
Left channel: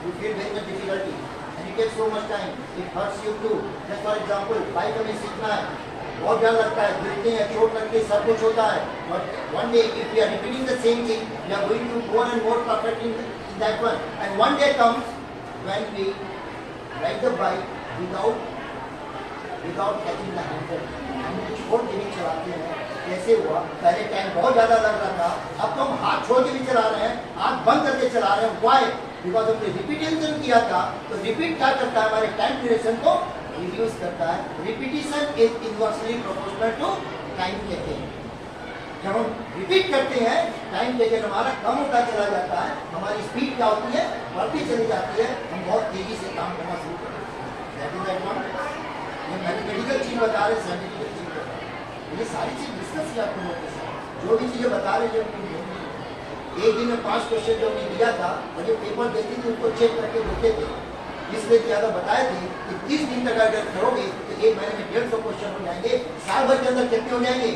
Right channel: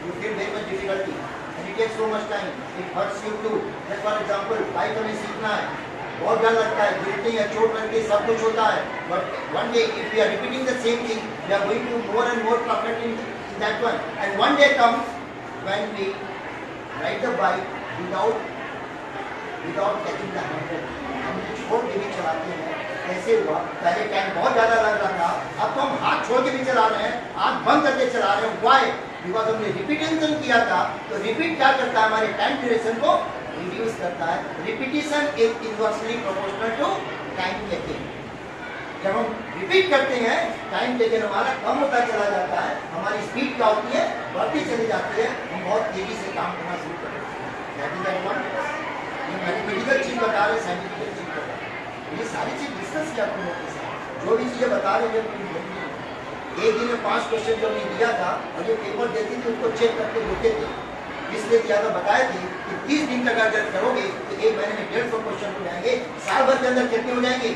you feel very much difficulty and it takes so much time. It hurts you too. Just for example, bike हमें सीखना है, बहुत डर लगता है, गिरते हैं, चोट लगती है, सब कुछ होता है. But one day, if we are repeating the same thing, we are going to more and more perfect in that one. And one day comes when we ride the bike without catching the handle. हम छोड़ के भी चलाते हैं. कैसे हुआ? पहले time बहुत ज़्यादा लग रहा था, अब तो हम हाथ छोड़ के भी चला रहे हैं, आँख बंद करके चला रहे हैं. Why? बिकॉज हमने रिपीटेशन किया था. तो रिपीट क्या करता है? हमारे टाइम ड्यूरेशन को रिड्यूस करता है. Repetition is inversely proportional to time taken. जब हम रिपीट करते हैं, टाइम टेकन हमारा कम होता चला जाता है, हमारी स्पीड क्या होती है? बढ़ती चली जाती है, हम बहुत तेजी से काम करना शुरू करते हैं. That is advantage. ये मैथमेटिकल चीज़ बता रहे, साइंटिफिकल चीज़ बता रहे, ये सारी चीज़ डिस्कस किया तुम लोगों के साथ. जो भी चीज़ें बता रहे जब एक दिन में 5 क्वेश्चन जो हमने दिया था और जो पेपर देती थी उसको चेक करके देते थे. इसलिए क्या था बताए थे कि 30 दिन तक अगर करोगे तो एक महीने में 150 क्वेश्चन हो जाएंगे. साल भर के अंदर कितने हो जाएंगे?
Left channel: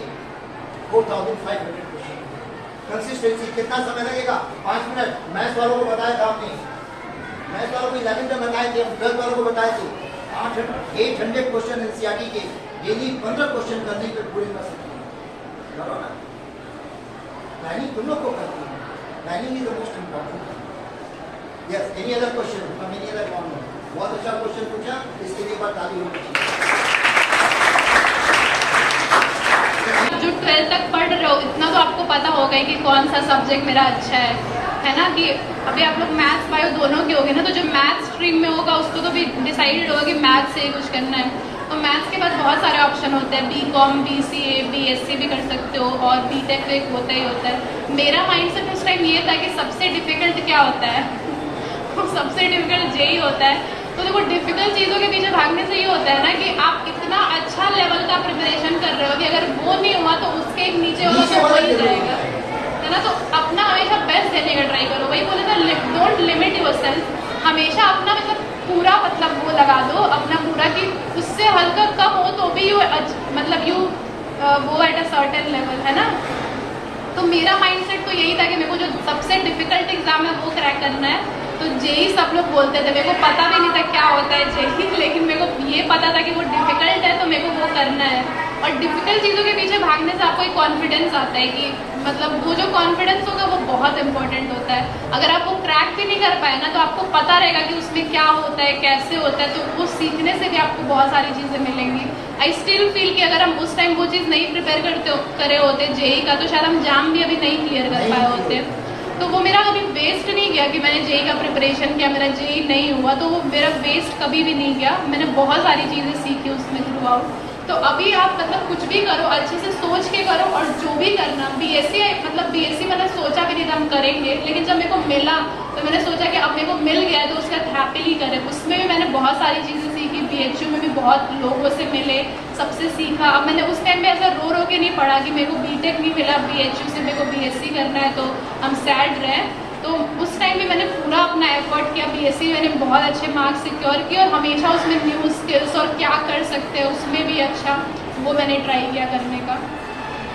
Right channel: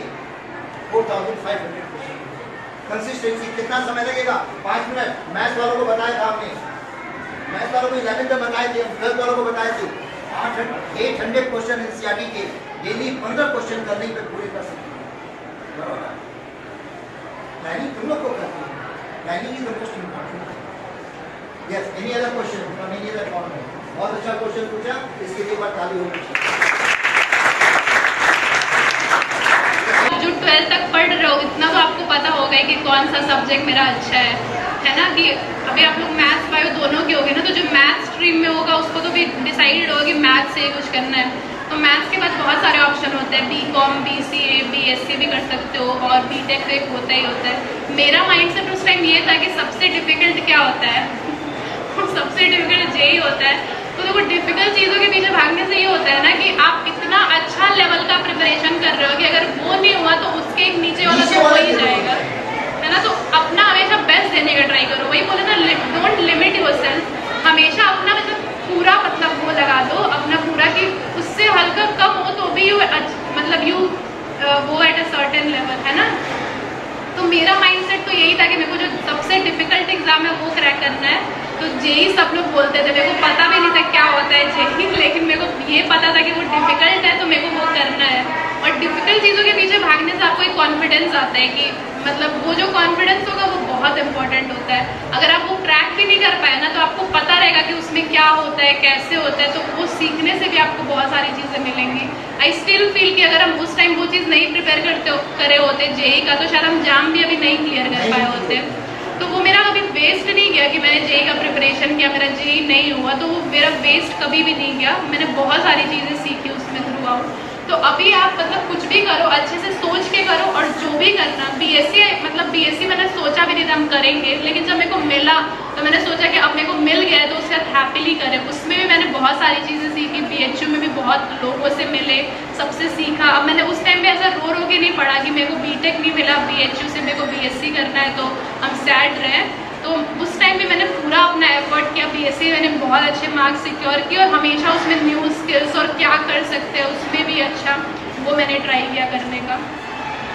4500 क्वेश्चन. कंसिस्टेंसी कितना समय लगेगा? 5 मिनट. मैथ्स वालों को बताया था हमने, मैथ्स वालों को 11 में बताए थे, हम 12 वालों को बताए थे. 800 क्वेश्चन एनसीईआरटी के डेली 15 क्वेश्चन करने पे पूरे कर सकते हैं. प्लानिंग तुम लोग को करती है. Planning is the most important. Yes, any other question from any other corner? बहुत अच्छा क्वेश्चन पूछा, इसके लिए बात ताली होनी चाहिए. जो 12th तक पढ़ रहे हो इतना तो आपको पता होगा कि कौन सा सब्जेक्ट मेरा अच्छा है ना. कि अभी आप लोग मैथ्स बायो दोनों के होगे ना, तो जो मैथ्स स्ट्रीम में होगा उसको तो भी डिसाइडेड होगा कि मैथ्स से ही कुछ करना है. तो मैथ्स के बाद बहुत सारे ऑप्शन होते हैं. बीकॉम, बीसीए, बीएससी भी कर सकते हो और बीटेक एक होता ही होता है. मेरा माइंडसेट उस टाइम ये था कि सबसे डिफिकल्ट क्या होता है? सबसे डिफिकल्ट जेई होता है. तो देखो डिफिकल्ट चीज़ों के पीछे भागने से ये होता है ना कि आप इतना अच्छा लेवल का प्रिपरेशन कर रहे हो कि अगर वो नहीं हुआ तो उसके एक नीचे वाला तो हो ही जाएगा, है ना. तो अपना हमेशा बेस्ट देने का ट्राई करो. वही बोले ना, डोंट लिमिट योरसेल्फ. हमेशा अपना मतलब पूरा मतलब वो लगा दो अपना पूरा कि उससे हल्का कम हो तो भी मतलब यू वो एट अ सर्टेन लेवल, है ना. तो मेरा माइंडसेट तो यही था कि मेरे को जो सबसे डिफिकल्ट एग्जाम है वो क्रैक करना है. तो जेई सब लोग बोलते थे, मेरे को पता भी नहीं था क्या होता है जेई, लेकिन मेरे को ये पता था कि वो डिफिकल्ट है तो मेरे को वो करना है. और डिफिकल्ट चीज़ों के पीछे भागने से आपको एक कॉन्फिडेंस आता है कि मतलब वो जो कॉन्फिडेंस होगा वो बहुत इंपॉर्टेंट होता है. अगर आप वो क्रैक भी नहीं कर पाए ना तो आपको पता रहेगा कि उसमें क्या होता है, कैसे होता है. तो वो सीखने से भी आपको बहुत सारी चीज़ें मिलेंगी. आई स्टिल फील कि अगर हम उस टाइम वो चीज़ नहीं प्रिपेयर करे होते जेई का तो शायद हम एग्जाम भी अभी नहीं क्लियर कर पाए होते. तो वो मेरा कभी वेस्ट नहीं गया कि मैंने जेई का प्रिपरेशन किया, मेरा जेई नहीं हुआ तो वो मेरा वेस्ट कभी भी नहीं गया. मैंने बहुत सारी चीज़ें सीखी उसमें थ्रू आउट. तो अभी आप मतलब कुछ भी करो अच्छे से सोच के करो. और जो भी करना बीएससी मैंने सोचा भी नहीं था हम करेंगे, लेकिन जब मेरे को मिला तो मैंने सोचा कि अब मेरे को मिल गया है तो उससे हैप्पीली करें. उसमें भी मैंने बहुत सारी चीज़ें सीखी. बीएचयू में भी बहुत लोगों से मिले, सबसे सीखा. अब मैंने उस टाइम पे ऐसा रो के नहीं पढ़ा कि मेरे को बीटेक नहीं मिला बीएचयू से, मेरे को बीएससी करना है तो हम सैड रहे. तो उस टाइम भी मैंने पूरा अपना एफर्ट किया. बीएससी मैंने बहुत अच्छे मार्क्स सिक्योर किए और हमेशा उसमें न्यू स्किल्स और क्या कर सकते हैं उसमें भी अच्छा वो मैंने ट्राई किया करने का.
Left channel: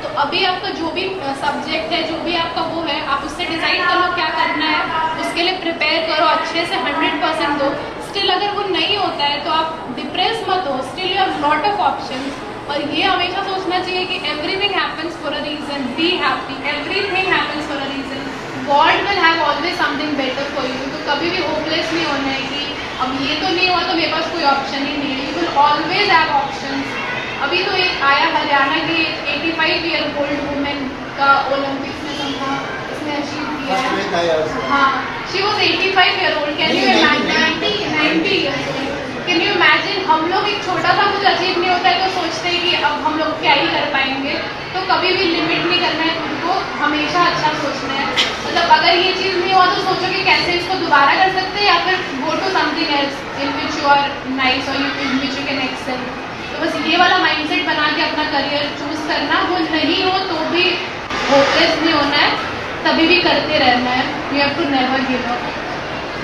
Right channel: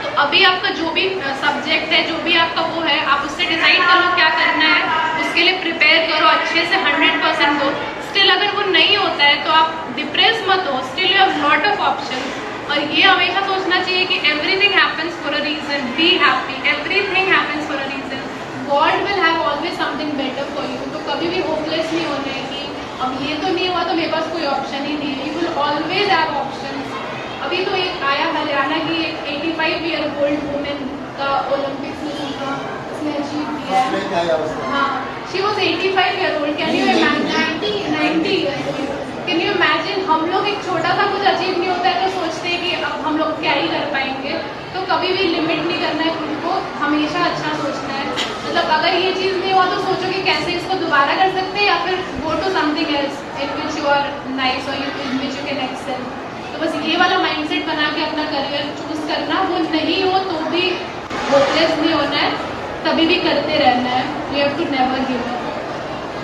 तो अभी आपका जो भी सब्जेक्ट है, जो भी आपका वो है, आप उससे डिसाइड करो क्या करना है, उसके लिए प्रिपेयर करो अच्छे से 100% दो. स्टिल अगर वो नहीं होता है तो आप डिप्रेस मत हो. Still you have lot of option. और ये हमेशा सोचना चाहिए कि everything happens for a reason. Be happy. Everything happens for a reason. God will have always something better for you. तो कभी भी होपलेस नहीं होना है कि अब ये तो नहीं हुआ तो मेरे पास कोई ऑप्शन ही नहीं है. You will always have option. अभी तो एक आया हरियाणा की 85 ईयर ओल्ड वुमेन का ओलंपिक्स में समझा उसने अचीव किया है. हाँ, she was 85 year old. Can you imagine? 90 years old. Can you imagine? हम लोग एक छोटा सा कुछ अचीव नहीं होता है तो सोचते हैं कि अब हम लोग क्या ही कर पाएंगे. तो कभी भी लिमिट नहीं करना है खुद को, हमेशा अच्छा सोचना है. मतलब अगर ये चीज़ नहीं हुआ तो सोचो कि कैसे इसको दोबारा कर सकते हैं या फिर go to something else in which you are nice और in which you can excel. तो बस ये वाला माइंडसेट बना के अपना करियर चूज करना. वो नहीं हो तो भी होपलेस नहीं होना है. कभी भी करते रहना है. You have to never give up.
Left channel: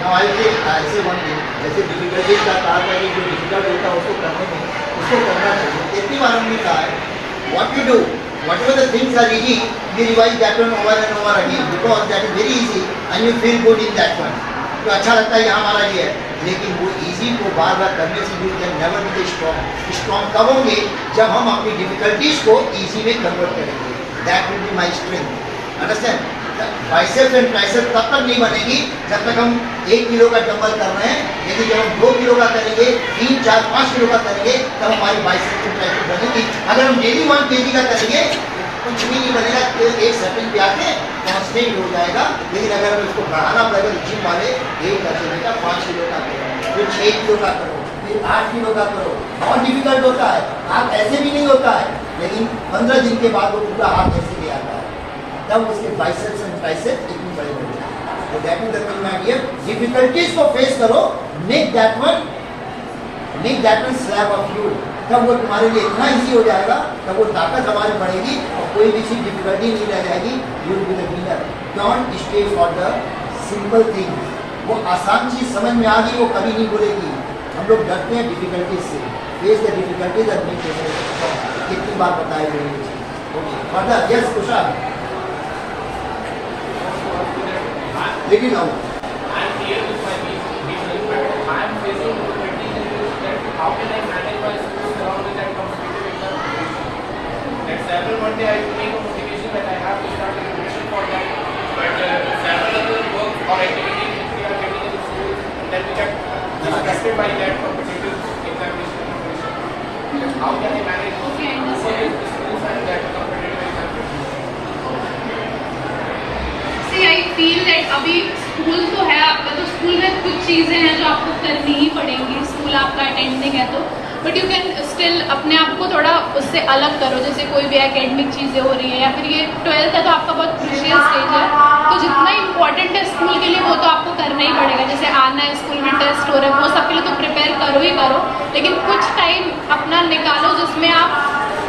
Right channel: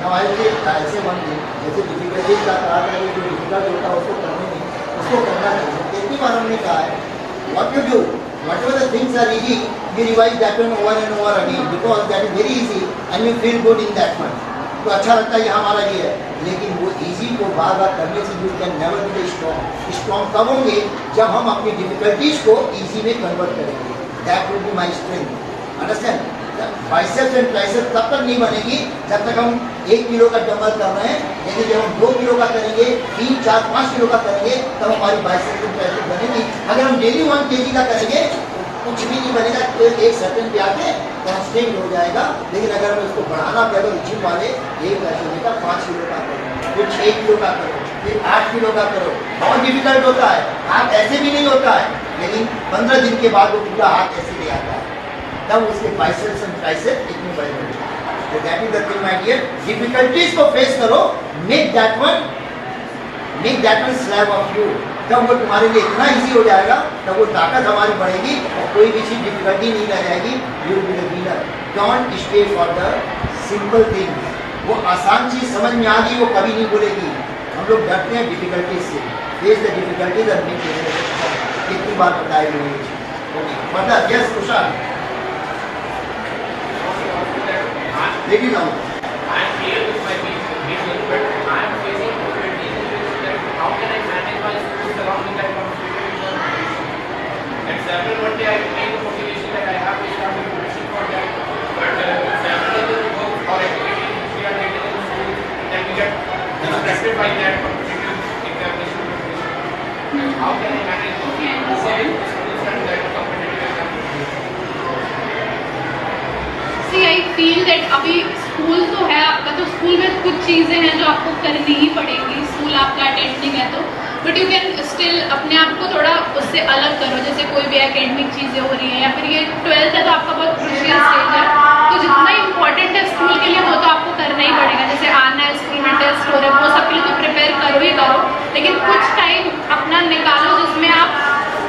Now I will say ऐसे one thing, जैसे डिफिकल्टीज का कहा था कि जो डिफिकल्ट होता है उसको करने में उसको करना चाहिए. कितनी बार हमने कहा है what you do, whatever the things are easy, you revise that one over and over again because that is very easy and you feel good in that one. तो अच्छा लगता है यहाँ हमारा ये है, लेकिन वो इजी को बार बार करने से you can never be strong. Strong कब होंगे जब हम अपनी डिफिकल्टीज को इजी में कन्वर्ट करेंगे. That will be my strength. Understand? Biceps and triceps तब तक नहीं बनेगी जब तक हम 1 किलो का डंबल कर रहे हैं. लेकिन जब हम 2 किलो का करेंगे, 3, 4, 5 किलो का करेंगे तब हमारी बाइसेप्स एंड ट्राइसेप्स बनेगी. अगर हम डेली 1 kg का करेंगे कुछ भी नहीं बनेगा. एक सर्टेन पे आके कॉन्स्टेंट हो जाएगा. लेकिन अगर हमें उसको बढ़ाना पड़ेगा तो जिम वाले एक रचने का 5 किलो का करो, फिर 6 किलो का करो, फिर 8 किलो का करो. बहुत डिफिकल्ट होता है. हाथ ऐसे भी नहीं होता है, लेकिन 15 दिन के बाद वो पूरा हाथ ऐसे नहीं आता है. तब उसके बाइसेप्स एंड ट्राइसेप्स इतने बड़े बड़े. तो that is the thing my dear. Difficulties को फेस करो. Make that one slave of you. तब वो तुम्हारे लिए इतना इजी हो जाएगा, तब वो ताकत हमारी बढ़ेगी और कोई भी चीज डिफिकल्टी नहीं रह जाएगी. You will be the winner. Don't stay for the simple thing. वो आसान चीज समझ में आ गई वो कभी नहीं बोलेगी. हम लोग डरते हैं डिफिकल्टीज से. फेस द डिफिकल्टीज और मेक इट. कितनी बार बताई गई ये चीज. Okay further. यस कुशाल. देखिए जाओ. I'm here with my people, but I am facing difficulties in this that how can I manage my students along with that competitive exam. At several one day I became a motivation that I have to start a preparation for that. But several other work or activities which we are getting in school that we get distracted by that competitive examination motivation. How can I manage Okay, both understand. the schools and that competitive examination? See, I feel that अभी school तो है, मतलब school में कुछ चीज़ें हैं जो आपको करनी ही पड़ेंगी. स्कूल आपका अटेंडिंग है तो, बट यू कैन स्टिल अपने आप को थोड़ा उससे अलग करो. जैसे कोई भी एकेडमिक चीज़ें हो रही है या फिर ये 12th है तो आपका बहुत क्रूशियल स्टेज है. तो जितना इम्पोर्टेंट है स्कूल के लिए वो तो आपको करना ही पड़ेगा. जैसे आना है स्कूल में, टेस्ट हो रहे हैं, वो सब के लिए तो प्रिपेयर करो ही करो. लेकिन कुछ टाइम अपना निकालो जिसमें आप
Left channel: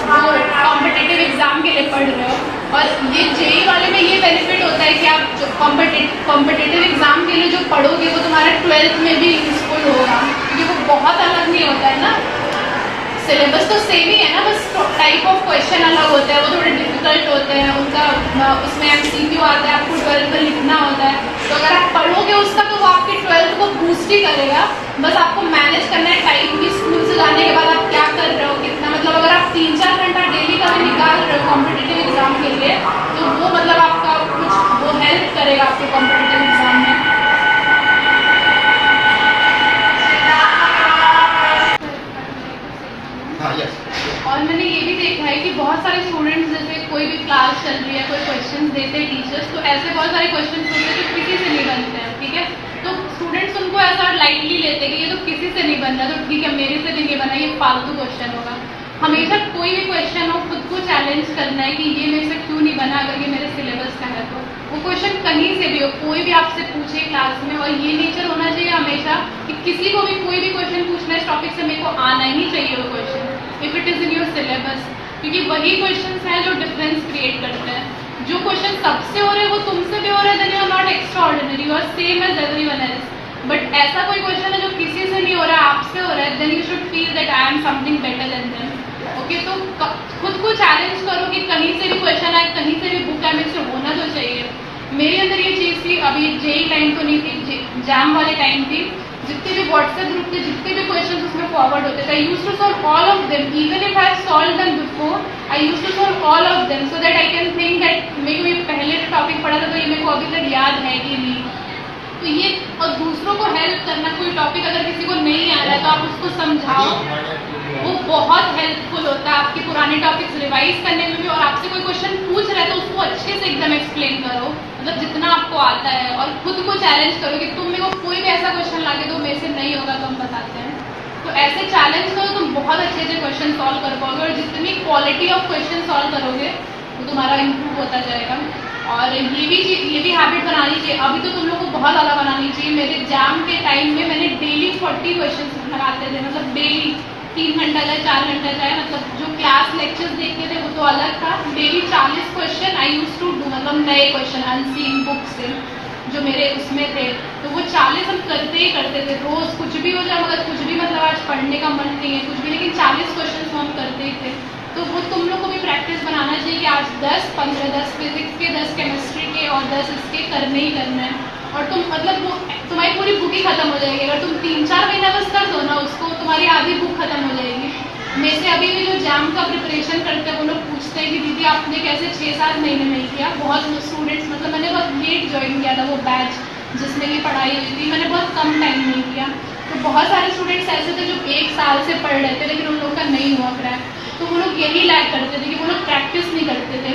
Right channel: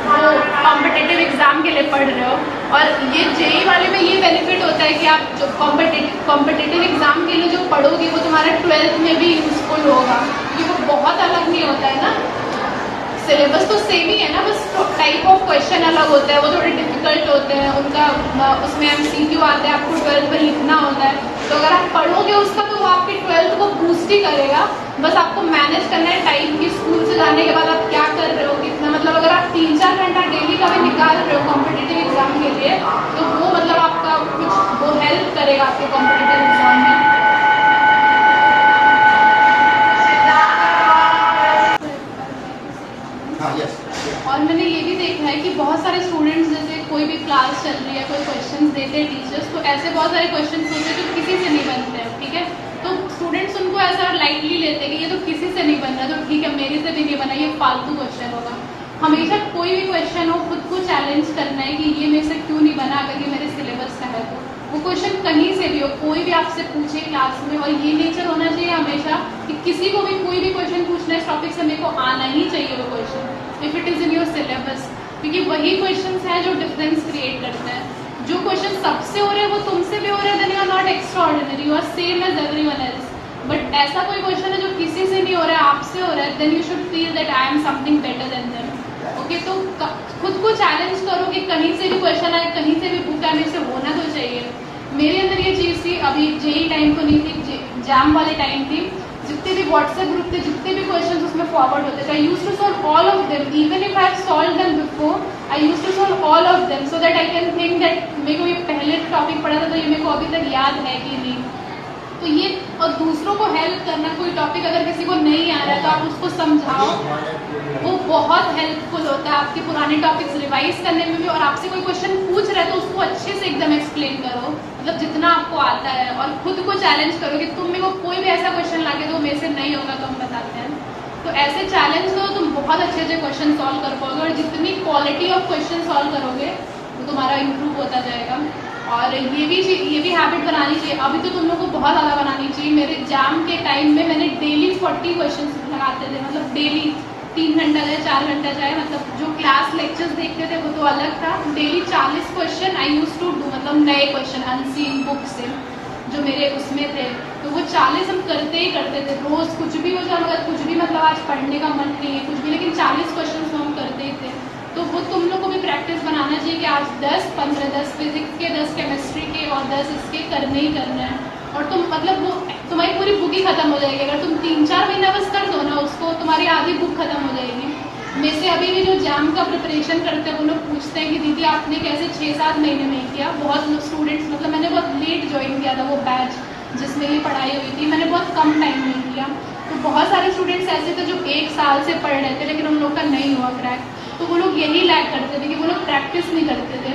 वो कॉम्पिटिटिव एग्जाम के लिए पढ़ रहे हो. और ये जेई वाले में ये बेनिफिट होता है कि आप जो कॉम्पिटिटिव एग्जाम के लिए जो पढ़ोगे वो तुम्हारा 12th में भी यूजफुल होगा, क्योंकि वो बहुत अलग नहीं होता है ना. सिलेबस तो सेम ही है ना, बस टाइप ऑफ क्वेश्चन अलग होते हैं. वो थोड़े डिफिकल्ट होते हैं. उनका उसमें MCQ आता है, आपको 12th में लिखना होता है. तो अगर आप पढ़ोगे उसका तो वो आपके 12th को बूस्ट ही करेगा. बस आपको मैनेज करना है टाइम की. स्कूल से जाने के बाद आप क्या कर रहे हो, कितना, मतलब अगर आप 3-4 घंटा डेली का भी निकाल रहे हो कॉम्पिटिटिव एग्जाम के लिए तो वो मतलब आपका कुछ वो हेल्प करेगा आपके कॉम्पिटिटिव एग्जाम में. हाँ यस. और मैंने ये भी देखा है कि बहुत सारे स्टूडेंट्स, जैसे कोई भी क्लास चल रही है, कोई क्वेश्चंस देते हैं टीचर्स, तो ऐसे बहुत सारे क्वेश्चंस होते हैं जो किसी से नहीं बनते हैं. ठीक है, तो स्टूडेंट्स उनको ऐसा लाइटली लेते हैं कि ये तो किसी से नहीं बन रहा, तो ठीक है मेरे से भी नहीं बना, ये फालतू क्वेश्चन होगा. हमेशा कोई भी क्वेश्चन हो खुद को चैलेंज करना है कि ये मेरे से क्यों नहीं बना. अगर ये मेरे सिलेबस का है तो वो क्वेश्चन कहीं से भी हो, कोई भी आपसे पूछे क्लास में. और ये नेचर होना चाहिए हमेशा कि किसी को भी कोई भी क्वेश्चन पूछना है इस टॉपिक से, मेरे को आना ही चाहिए वो question if it is in your syllabus. क्योंकि वही क्वेश्चंस हैं जो डिफरेंस क्रिएट करते हैं. जो क्वेश्चन सबसे हो रहे हैं वो तुमसे भी हो रहे हैं, then you are not extraordinary, you are same as everyone else. But ऐसा कोई क्वेश्चन है जो किसी से नहीं हो रहा है, आपसे हो रहा है, then you should feel that I am something better than them. Okay, तो खुद को चैलेंज करो कि कहीं से भी क्वेश्चन आए, कहीं से भी बुक आए, मेरे से होना तो चाहिए. मेरे अंदर ये चीज़ थी. अभी जेई टाइम तो नहीं थी, जैम वाले टाइम थी. जितने भी व्हाट्सएप ग्रुप थे, जितने भी क्वेश्चन उसमें फॉरवर्ड होते थे, I use to solve all of them. Even if I have solve them before, I use to solve all of them so that I can think that मेरे को ये पहले टॉपिक पढ़ा था तो ये मेरे को अभी तक याद है कि नहीं. तो ये, और दूसरों को हेल्प करना. कोई टॉपिक अगर किसी को नहीं आ रहा है तो आप उसको समझाओ, वो बहुत हेल्पफुल होता है आपकी पुराने टॉपिक्स रिवाइज करने में भी. और आपसे कोई क्वेश्चन पूछ रहे हैं तो उसको अच्छे से एकदम एक्सप्लेन करो, मतलब जितना आपको आता है. और खुद को चैलेंज करो कि तुम मेरे को कोई भी ऐसा क्वेश्चन ला के दो मेरे से नहीं होगा तो हम बताते हैं. तो ऐसे चैलेंज करो, तुम बहुत अच्छे अच्छे क्वेश्चन सॉल्व कर पाओगे. और जितनी क्वालिटी ऑफ क्वेश्चन सॉल्व करोगे वो तुम्हारा इम्प्रूव होता जाएगा. और ये भी हैबिट बनानी चाहिए. अभी तो तुम लोग को बहुत ज़्यादा बनानी चाहिए. मेरे एग्जाम के टाइम में मैंने डेली 40 क्वेश्चन लगाते थे, मतलब डेली 3 घंटा जाए 4 घंटा जाए, मतलब जो क्लास लेक्चर्स देखते थे वो तो अलग था। Daily 40 question I use to do, मतलब नए क्वेश्चन अनसीन बुक से जो मेरे उसमें थे, तो वो 40 हम करते ही करते थे रोज़। कुछ भी हो जाए, मतलब कुछ भी, मतलब आज पढ़ने का मन नहीं है कुछ भी, लेकिन 40 क्वेश्चन तो हम करते ही थे। तो वो तुम लोग को भी प्रैक्टिस बनाना चाहिए कि आज 10, 15, 10 फिजिक्स के, 10 केमिस्ट्री के और 10 इसके करने ही करना है। और तुम मतलब वो तुम्हारी पूरी बुक ही खत्म हो जाएगी अगर तुम 3-4 महीना बस कर दो ना उसको, तुम्हारी आधी बुक खत्म हो जाएगी। में से अभी भी जो एग्जाम का प्रिपरेशन करते हैं वो लोग पूछते हैं कि दीदी आपने कैसे 6-7 महीने में किया। बहुत स्टूडेंट्स, मतलब मैंने बहुत लेट ज्वाइन किया था वो बैच जिसमें ये पढ़ाई हुई थी, मैंने बहुत कम टाइम में किया। तो बहुत सारे स्टूडेंट्स ऐसे थे जो 1 साल से पढ़ रहे थे लेकिन उन लोग का नहीं हुआ क्रैक। तो वो लोग यही लैक करते थे कि वो लोग प्रैक्टिस नहीं करते थे।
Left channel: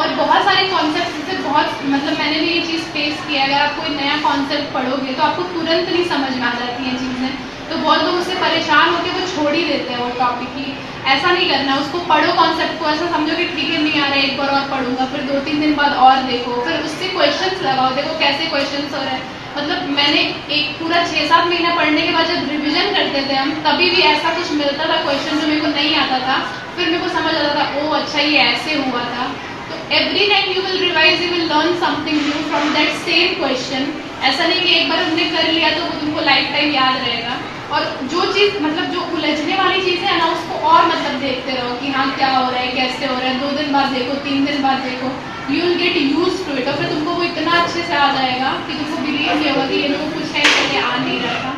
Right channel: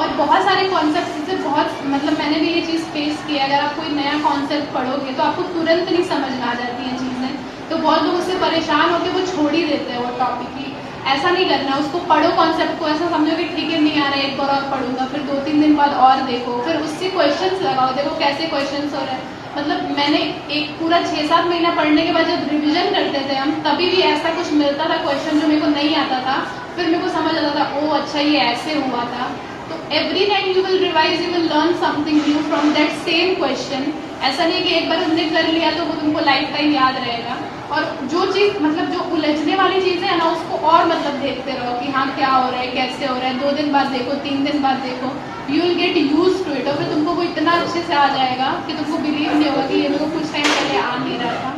और बहुत सारे कॉन्सेप्ट जैसे बहुत, मतलब मैंने भी ये चीज़ फेस की है, अगर आप कोई नया कॉन्सेप्ट पढ़ोगे तो आपको तुरंत नहीं समझ में आ जाती हैं चीज़ें। तो बहुत लोग उससे परेशान होकर वो छोड़ ही देते हैं वो टॉपिक ही। ऐसा नहीं करना है, उसको पढ़ो कॉन्सेप्ट को, ऐसा समझो कि ठीक है नहीं आ रहा है एक बार और पढ़ूंगा, फिर 2-3 दिन बाद और देखो, फिर उससे क्वेश्चंस लगाओ, देखो कैसे क्वेश्चंस हो रहे हैं। मतलब मैंने एक पूरा 6-7 महीना पढ़ने के बाद जब रिविजन करते थे हम, तभी भी ऐसा कुछ मिलता था क्वेश्चन जो मेरे को नहीं आता था, फिर मेरे को समझ आता था ओ अच्छा ये ऐसे हुआ था। तो every time you will revise, you will learn something new from that same question. ऐसा नहीं कि एक बार तुमने कर लिया तो वो तुमको लाइफ टाइम याद रहेगा। और जो चीज़, मतलब जो उलझने वाली चीज़ें है ना, उसको और मतलब देखते रहो कि हाँ क्या हो रहा है, कैसे हो रहा है। 2 दिन बाद देखो, 3 दिन बाद देखो, you will get use to it. और फिर तुमको वो इतना अच्छे से आ जाएगा कि तुमको बिलीव नहीं होगा कि ये मेरे को कुछ टाइम पहले आ नहीं रहा था।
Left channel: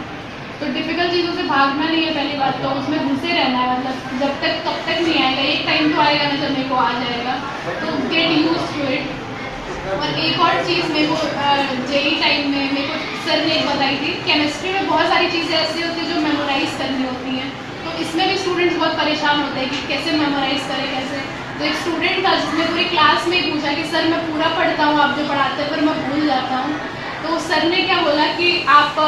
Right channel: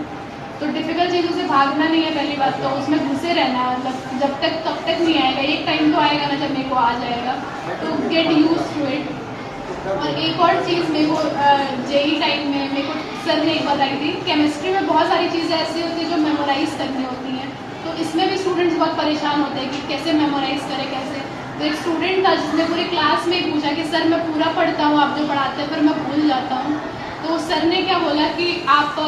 तो डिफिकल्ट चीज़ों से भागना नहीं है पहली बात, तो उसमें घुसे रहना है, मतलब जब तक तब तक नहीं आएगा, एक टाइम तो आएगा ना जब मेरे को आ जाएगा। तो गेट यूज टू इट। और एक और चीज़ मेरे को जेई टाइम में मेरे को सर ने एक बताई थी, केमिस्ट्री में बहुत सारी चीज़ें ऐसी होती हैं जो मेमोराइज करनी होती हैं। तो इसमें भी स्टूडेंट्स बहुत परेशान होते हैं कि कैसे मेमोराइज करें कैसे। तो एक स्टूडेंट था जिसने पूरी क्लास में पूछा कि सर मैं पूरा पढ़ता हूँ आप जो पढ़ाते हैं, पर मैं भूल जाता हूँ। तो सर ने क्या बोला कि आप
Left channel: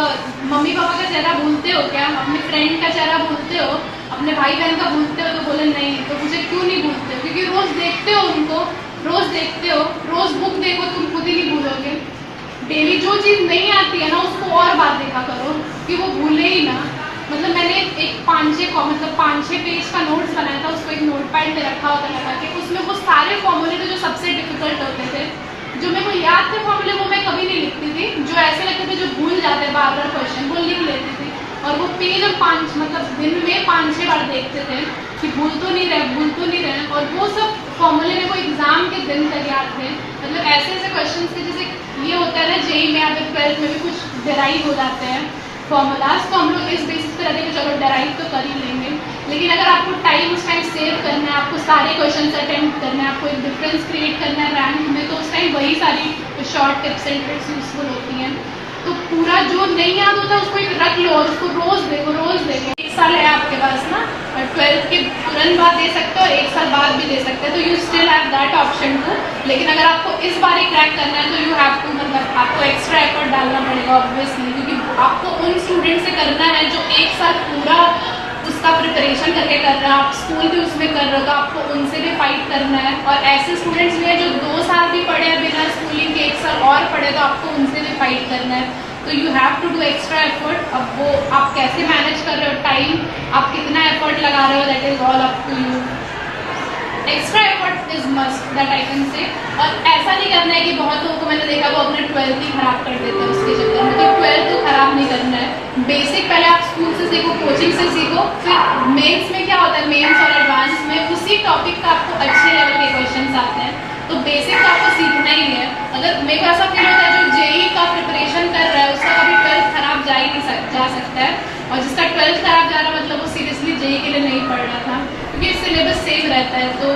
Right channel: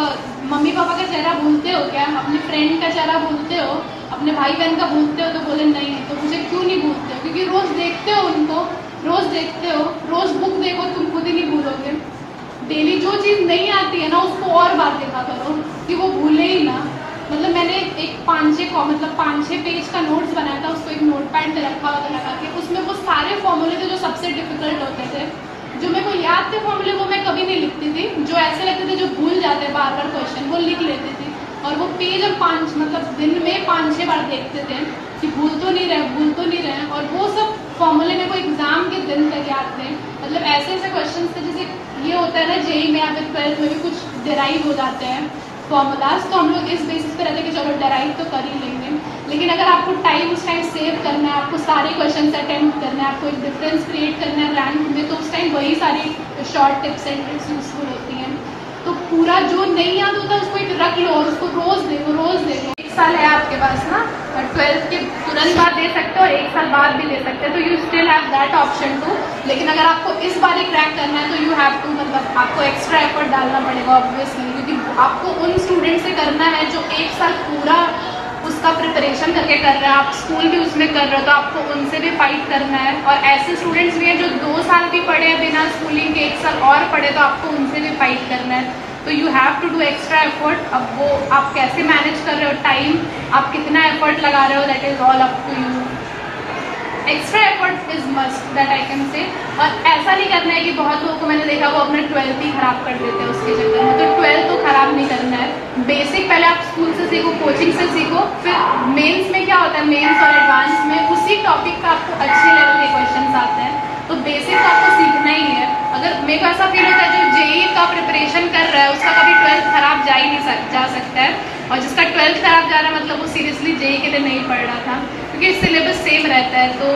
मम्मी पापा का चेहरा भूलते हो क्या, अपने फ्रेंड का चेहरा भूलते हो, अपने भाई बहन का भूलते हो? तो बोले नहीं। तो मुझे क्यों नहीं भूलते हो? क्योंकि रोज़ देखते हो उनको, रोज़ देखते हो, रोज़ बुक देखो, तुम खुद ही नहीं भूलोगे। डेली जो चीज़ नहीं आती है ना उसको और बार देखा करो कि वो भूले ही ना। मतलब मैंने एक 5-6 पेज का नोट्स बनाया था, उसको एक नोटपैड में रखा होता लगा के, उसमें वो सारे फॉर्मूले थे जो सबसे डिफिकल्ट होते थे, जो मेरे को याद थे फॉर्मूले, वो मैं कभी नहीं लिखती थी। जो ऐसे लगते थे जो भूल जाते बार बार क्वेश्चन, वो लिख लेती थी। और वो पेज हम दिन में 5-6 बार देखते थे कि भूल तो नहीं रहे। और वो सब फॉर्मूले मेरे को एग्जाम के दिन तक याद थे। मतलब ऐसे क्वेश्चन थे, जैसे ये होता है ना जेई में, अगर 12th में भी कुछ डेराइव हो जाते हैं फॉर्मूलाज, तो हम लोग इस बेसिस पर रहते हैं कि चलो डेराइव तो कर ही लेंगे। लेकिन अगर आपको उस टाइम सेव करना है, आपको सारे क्वेश्चन अटेम्प्ट करना है, आपको एक डिफरेंस क्रिएट करना है रैंक में, तो उस टाइम वही सारी short tips and tricks useful होती हैं। तो पूरा जो नहीं याद होता उसको एक रख लो और उसको रोज़ देखो। 1 साल है आपके पास ना, और 12th के तुरंत बाद दे सकते हो और 1 साल बाद भी दे सकते हो, तो you still have that option too. लेकिन अगर आपको इस बार ही क्रैक करना है तो यू हैव टू, मतलब आपको एक्स्ट्रा एफर्ट डालना पड़ेगा ऑब्वियसली, क्योंकि आपको उन स्टूडेंट से करना है जो 1 साल पूरा उसका प्रिपरेशन करके कर रहे हैं, आप स्कूल भी उसमें कर रहे हो, तो आपको उनसे भी फाइट करना है। और ऐसे स्टूडेंट्स भी हैं जो 2 साल भी पढ़े हैं बिना स्कूलिंग के, 1 साल और पढ़े, तो आपको उनसे भी फाइट करना है। तो you have to do extra effort. अब वो आप कैसे मैनेज कर रहे हो टाइम, आप कितना एफर्ट लगा रहे हो, that is all up to you. Extra effort is must, that I can say. और ऐसा नहीं करना है कि बहुत लोगों को मैंने देखा वो अपना 12th ही खराब कर देते हैं उसके चक्कर में, कि 12th तो खराब नहीं करना है। बेसिक पहले आप स्कूल से सीखो, कोचिंग से सीखो, फिर मेंस में क्या होता है, मेंस और एडवांस में उसी टॉपिक का आपको अच्छे लेवल के क्वेश्चन आते हैं। तो बेसिक तो आपको सीखना ही है। अगर मेरे को ऐसा फील होता है जो जेई का प्रिपरेशन कर रहा है उसका कभी 12th खराब जा सकता है, और जिसका 12th खराब जा रहा है मतलब वो सीरियसली जेई के लिए नहीं पढ़ रहा था, क्योंकि सिलेबस सेम रहता है। तो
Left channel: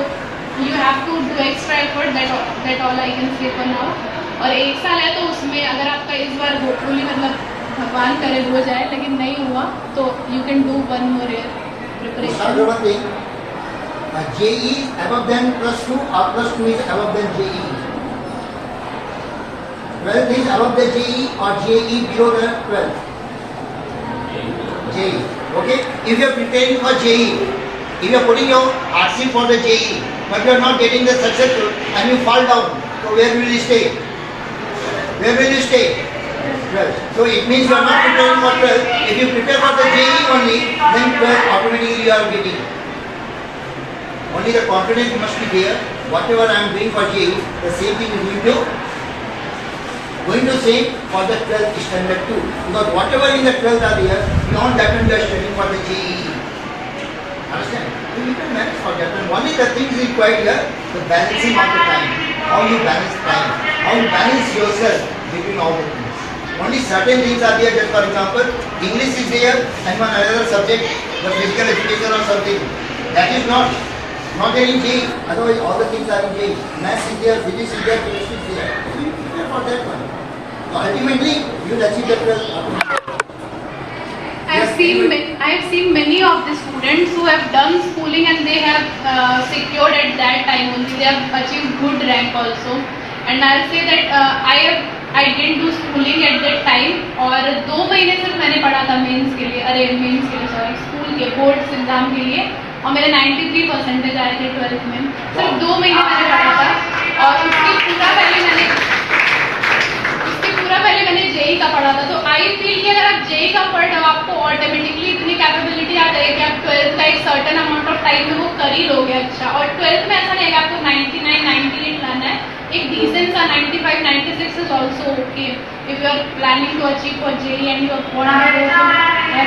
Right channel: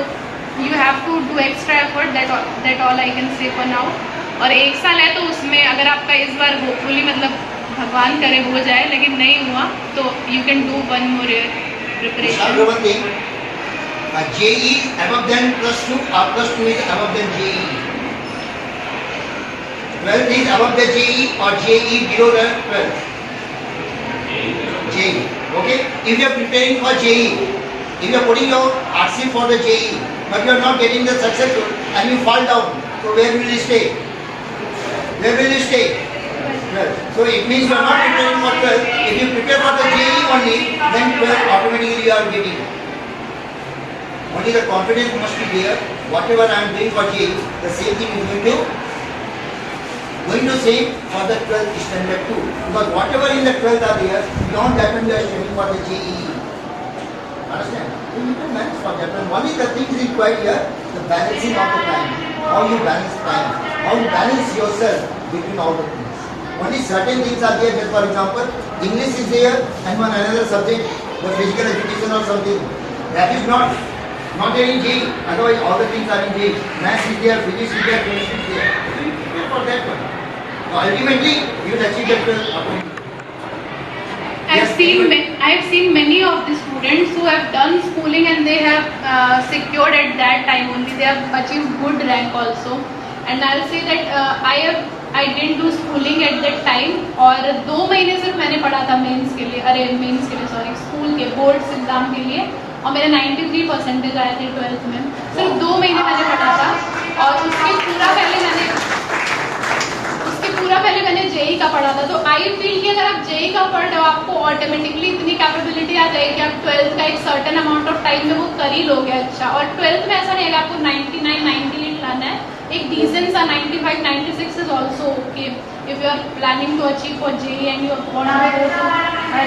you have to do extra effort, that all I can say for now. और 1 साल है तो उसमें अगर आपका इस बार होपफुली, मतलब भगवान करे हो जाए, लेकिन नहीं हुआ तो you can do 1 more year preparation. JEE is above than +2 or +2 is above than JEE. 12th is above the JEE or JEE below the 12th. JEE. Okay? If you are preparing for JEE, if you are putting your RC for the JEE, but you are not getting the success and you fall down, so where will you stay? Where will you stay? 12th. So it means you are not preparing for 12th. If you prepare for the JEE only, then 12th automatically you are getting. Only the confidence must be there. Whatever I am doing for JEE, the same thing is going to say for the 12th standard too. Because whatever in the 12th are there, beyond that one you are studying for the JEE. Understand? You need to manage for that. And only the things required here, the balancing of the time. How you balance time. How you balance yourself between all the things. Only certain things are there. Just for example, English is there and one another subject, the physical education or something. That is not there in JEE. Otherwise, all the things are in JEE. Maths is there, physics is there, chemistry is there. You prepare for that one. So ultimately, you will achieve that goal. I have seen many of the students who have done schooling and they have secured at that time only. They have achieved good rank also. And I'll say that I didn't do schooling at that time. और 2 महीने सिर्फ मैंने पढ़ा था mains के लिए, school के boards exam के लिए, और मेरे 93% आए थे 12th में. सिर्फ 2 महीने मैंने पढ़ा था और उसके पूरा पहले मैंने JEE का पढ़ा था. तो आई फील कि अगर आप JEE का पढ़ रहे हो, आपको ऑटोमेटिकली इतनी कैपेबिलिटी आ जाएगी कि आप 12th का एक सर्टेन अमाउंट ऑफ टाइम में वो कर ही लोगे. अच्छा, और 12th में ऐसा नहीं है कि आपको 99, 98 लाना है. एक डिसेंट सा 95, 96 is also okay if you are planning to achieve for JEE and you want to go to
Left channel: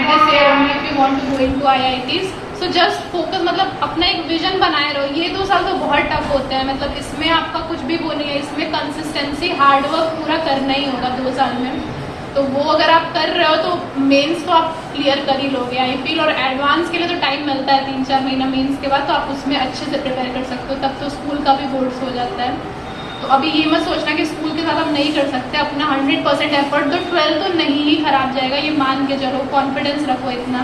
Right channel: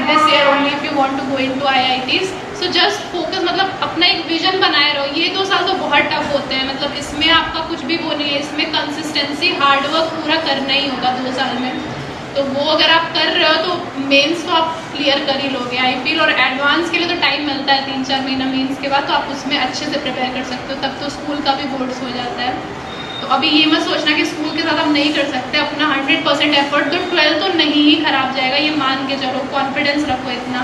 this year only if you want to go into IITs. So just focus, मतलब अपना एक vision बनाए रहो. ये 2 साल तो बहुत tough होते हैं, मतलब इसमें आपका कुछ भी वो नहीं है. इसमें कंसिस्टेंसी, हार्डवर्क पूरा करना ही होगा 2 साल में. तो वो अगर आप कर रहे हो तो मेंस तो आप क्लियर कर ही लोगे. आई फील और एडवांस के लिए तो टाइम मिलता है 3-4 महीना मेंस के बाद, तो आप उसमें अच्छे से प्रिपेयर कर सकते हो. तब तो स्कूल का भी बोर्ड्स हो जाता है. तो अभी ये मत सोचना कि स्कूल के साथ हम नहीं कर सकते. अपना 100% एफर्ट दो. 12th तो नहीं ही खराब जाएगा, ये मान के चलो. कॉन्फिडेंस रखो इतना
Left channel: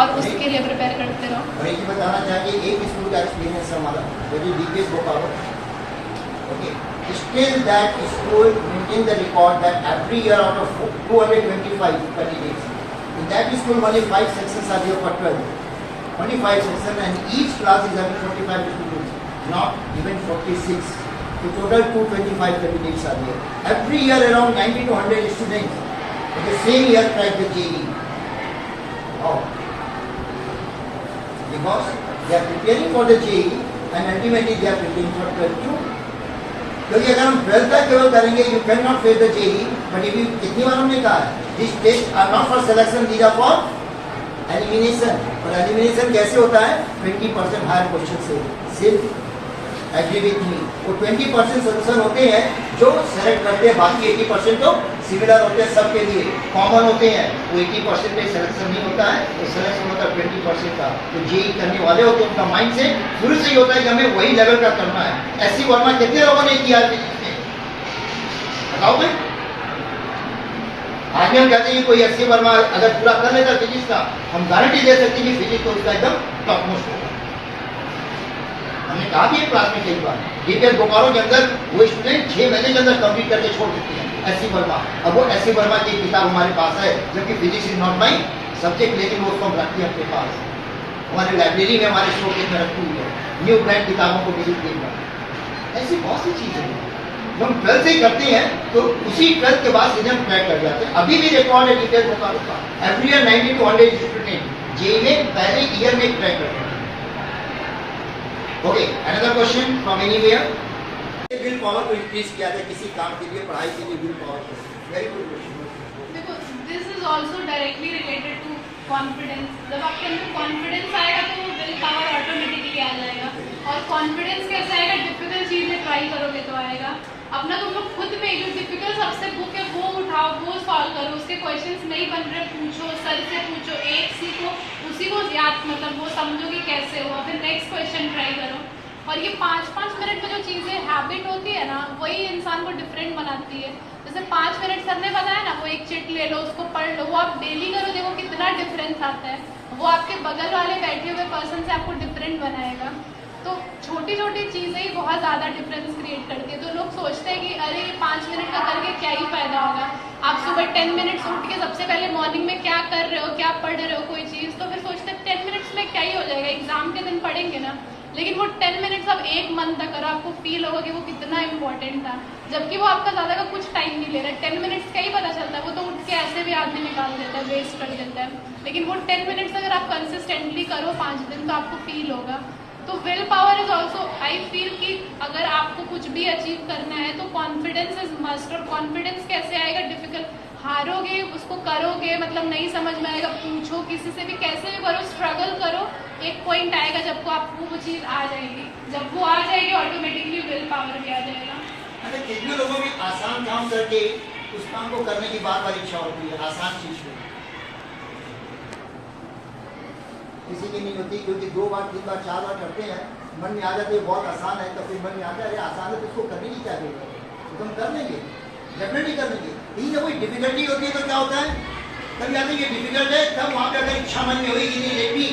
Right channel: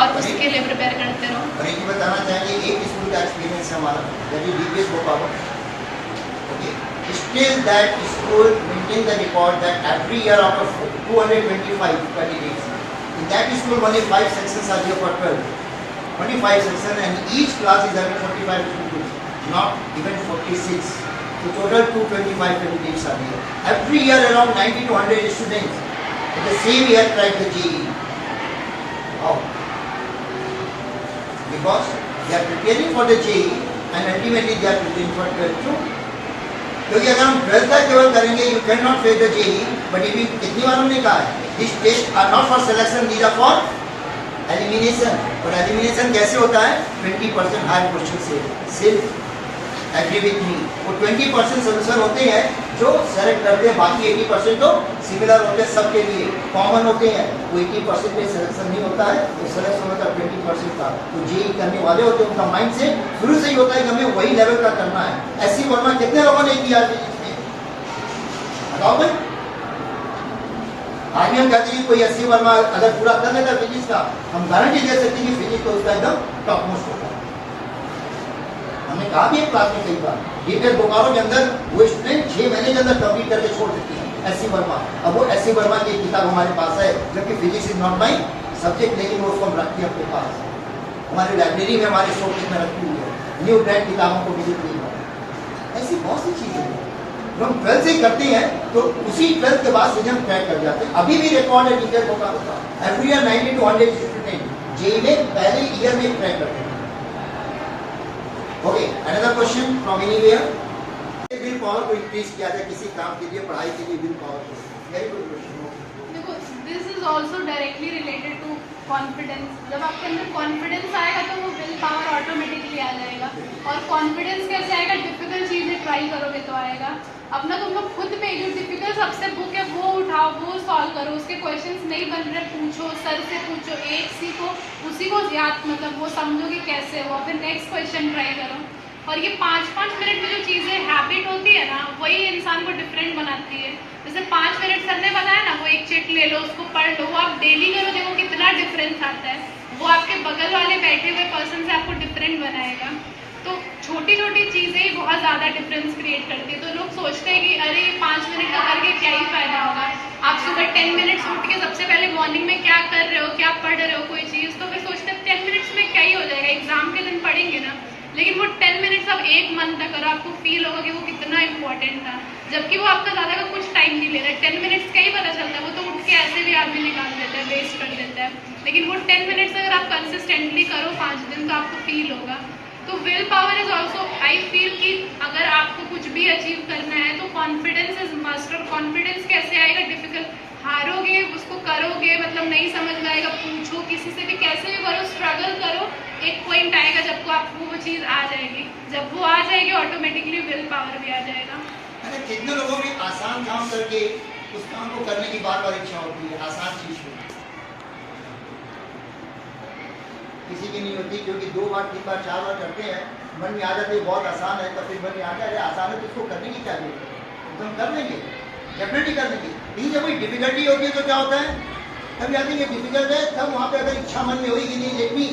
और उसके लिए प्रिपेयर करते रहो. और एक बताना चाहेंगे, एक स्कूल का एक्सपीरियंस है हमारा, that is DPS Bhopal. Okay, still that school maintain the record that every year out of 225 candidates, in that school only 5 sections are there for 12. Only 5 sections, and each class is having 45 students, not even 46. So total 225 candidates are there. Every year around 90 to 100 students in the same year crack the JEE. How? Because they are preparing for the JEE and ultimately they are preparing for 12th too. क्योंकि अगर हम 12th तक केवल करेंगे, you cannot face the JEE. But if you, कितनी बार हमने कहा है, these tests are not for selection, these are for elimination. और elimination कैसे होता है? 20% higher question से. Still agree with me. वो 20% सोल्यूशन होते हैं जो सेलेक्ट करते हैं, बाकी 80% तो सिमिलर होते हैं, सबके लिए कॉमन होते हैं. वो 80% पे सिलेक्शन नहीं होता है, तो सिलेक्शन होता है 20% का. तो JEE करने वाले होते हैं, उनका माइंड से शुरू से ही होता है कि हमें वही लेवल का करना है. SC वर्मा कितने लोगों ने किया फिजिक्स में? बताओ भाई. आज हम कहते हैं कि कोई SC वर्मा अगर पूरा कर लेता फिजिक्स का, हम गारंटी दे सकते हैं कि फिजिक्स तो उसका एकदम टॉप मोस्ट होगा. हमने कहा भी है क्लास में कई बार, DPS बोकारो के अंदर वो स्टूडेंट 6 महीने के अंदर कंप्लीट करके छोड़ देते हैं SC वर्मा. अब वो SC वर्मा की किताब हमारे पास है, जबकि physics is not my subject, लेकिन वो उसको हम रखते हैं अपने पास. हमारे लाइब्रेरी में, हमारे शोकेस में रखी हुई है. न्यू ब्रांड किताबों को विजिट किया. ऐसी बहुत सी चीजें हैं जो हम 12th से करते हैं, तो उसी 12th के बाद सीधे हम क्रैक कर जाते हैं. अभी भी रिकॉर्ड है DPS बोकारो का, every year 90 to 100 student JEE में पहले ईयर में क्रैक करते हैं. Okay, another question from anywhere. Will power को increase किया जाए किसी काम के लिए, पढ़ाई के लिए will power को. Very good question. देखो, this is also directly related to confidence. जब आपके अंदर confidence आएगा तो वो will power automatically आ जाएगा. और confidence कैसे आएगा? डिफिकल्ट चीजें ट्राई करोगे तो आएगा. अपना तुम लोग खुद में जो डिफिकल्ट सबसे बुक है वो उठाओ, वो सॉल्व करो. उसके क्वेश्चंस नहीं बन रहे, पूछो, सर से पूछो, एक सीखो, उसी को याद, मतलब वो समझो कि कैसे हो, फिर नेक्स्ट क्वेश्चन ट्राई करो. और ये 5-5 मिनट में जो चीज़ें हैबिट होती है ना, वही इंसान को डिफरेंट बनाती है. जैसे 5 मिनट सर ने बताया ना, वो एक चिट ले लो, उसको पढ़ लो, वो आप डेली करो, देखो कितना डिफरेंस आता है. वो आपके बगल वाले बैठे हुए पर्सन से आपको डिफरेंट बनाएगा. तो छोटी छोटी चीज़ें ही बहुत ज़्यादा डिफरेंस क्रिएट करती है. तो लोग सोचते हैं कि अरे 5 मिनट का करके क्या ही फ़ायदा होगा. आप सुबह 10 मिनट्स उठ के सबसे पहले मॉर्निंग में क्या कर रहे हो, क्या पढ़ रहे हो कोई चीज़, तो फिर सोचते हैं 10 मिनट्स में क्या ही हो जाएगा, एग्जाम के दिन पढ़ेंगे ना. लेकिन वो 10 मिनट्स आप एक मंथ तक करो, आपको फील होगा कि वो कितना इंपॉर्टेंट था, जबकि वो आपका ज़्यादा का कुछ टाइम नहीं ले रहा है। 10 मिनट्स का ही पता चलता है, वो तो उठ के ऐसे भी आदमी निकाल देता है, वेस्ट कर देता है। लेकिन वो 10 मिनट्स अगर आप कंसिस्टेंटली करो 5 दिन, तो आपको फील होगा। तो will power is also, I feel कि अगर आपको कुछ भी अचीव करना है तो कॉन्फिडेंस इज मस्ट। और कॉन्फिडेंस कैसे आएगा? डिफिकल्ट, हारोगे, उसको करोगे, मतलब नहीं समझ में आएगा, पूछो किसी से भी, कैसे भी करो, स्ट्रगल करो, एक पॉइंट आएगा जब आपको वो चीज़ आ जाएगी। जब वो आ जाएगी ऑटोमेटिकली विल पावर भी आ जाएगा। मतलब कितने लोगों की आसान काम करके उस काम को करने की बार बार इच्छा होती है, आसान चीज को, किसी की नहीं होती, क्योंकि 2 बार 3 बार 4 बार करते हैं, मन में आ जाते हैं बहुत आसान है, तो फिर मन में आ जाए आसान है तो इसको करने की क्या जरूरत है, तो हम कर लेंगे, डेफिनेटली कर लेंगे। लेकिन जब कोई डिफिकल्टी होती है तो क्या होता है, तब याद नहीं, डिफिकल्ट है, तब वहाँ पे अगर इच्छा मन में हुई कि नहीं लेट मी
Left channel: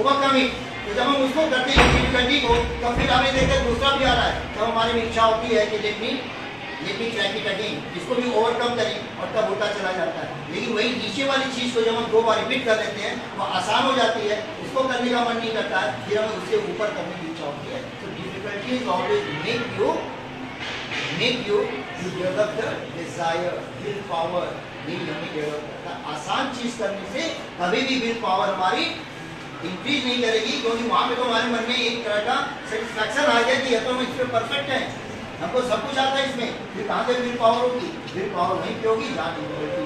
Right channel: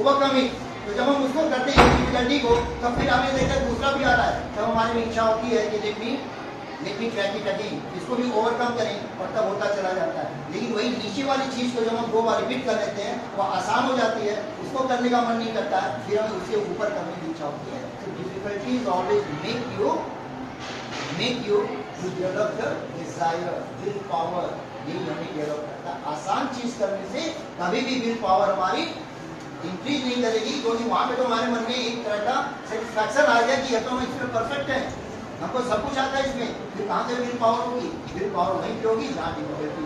ओवरकम इट, तो जब हम उसको करते हैं डिफिकल्टी को, तब फिर हमें देखकर दूसरा भी आ रहा है, तब हमारे में इच्छा होती है कि let me try it again, इसको भी ओवरकम करें, और तब होता चला जाता है। लेकिन वही नीचे वाली चीज़ को जब हम 2 बार रिपीट कर देते हैं, वो आसान हो जाती है, उसको करने का मन नहीं करता है, फिर हमें उससे ऊपर करने की इच्छा होती है। तो difficulty is always make you to develop the desire, will power, यही हमें डेवलप करता है। आसान चीज़ करने से कभी भी विल पावर हमारी इंक्रीज नहीं करेगी, क्योंकि वहाँ पे तो हमारे मन में एक तरह का सेटिस्फैक्शन आ गया कि ये तो हम इसमें परफेक्ट है, हमको सब कुछ आता है इसमें, फिर कहाँ से विल पावर होगी? विल पावर वहीं पे होगी जहाँ difficulty.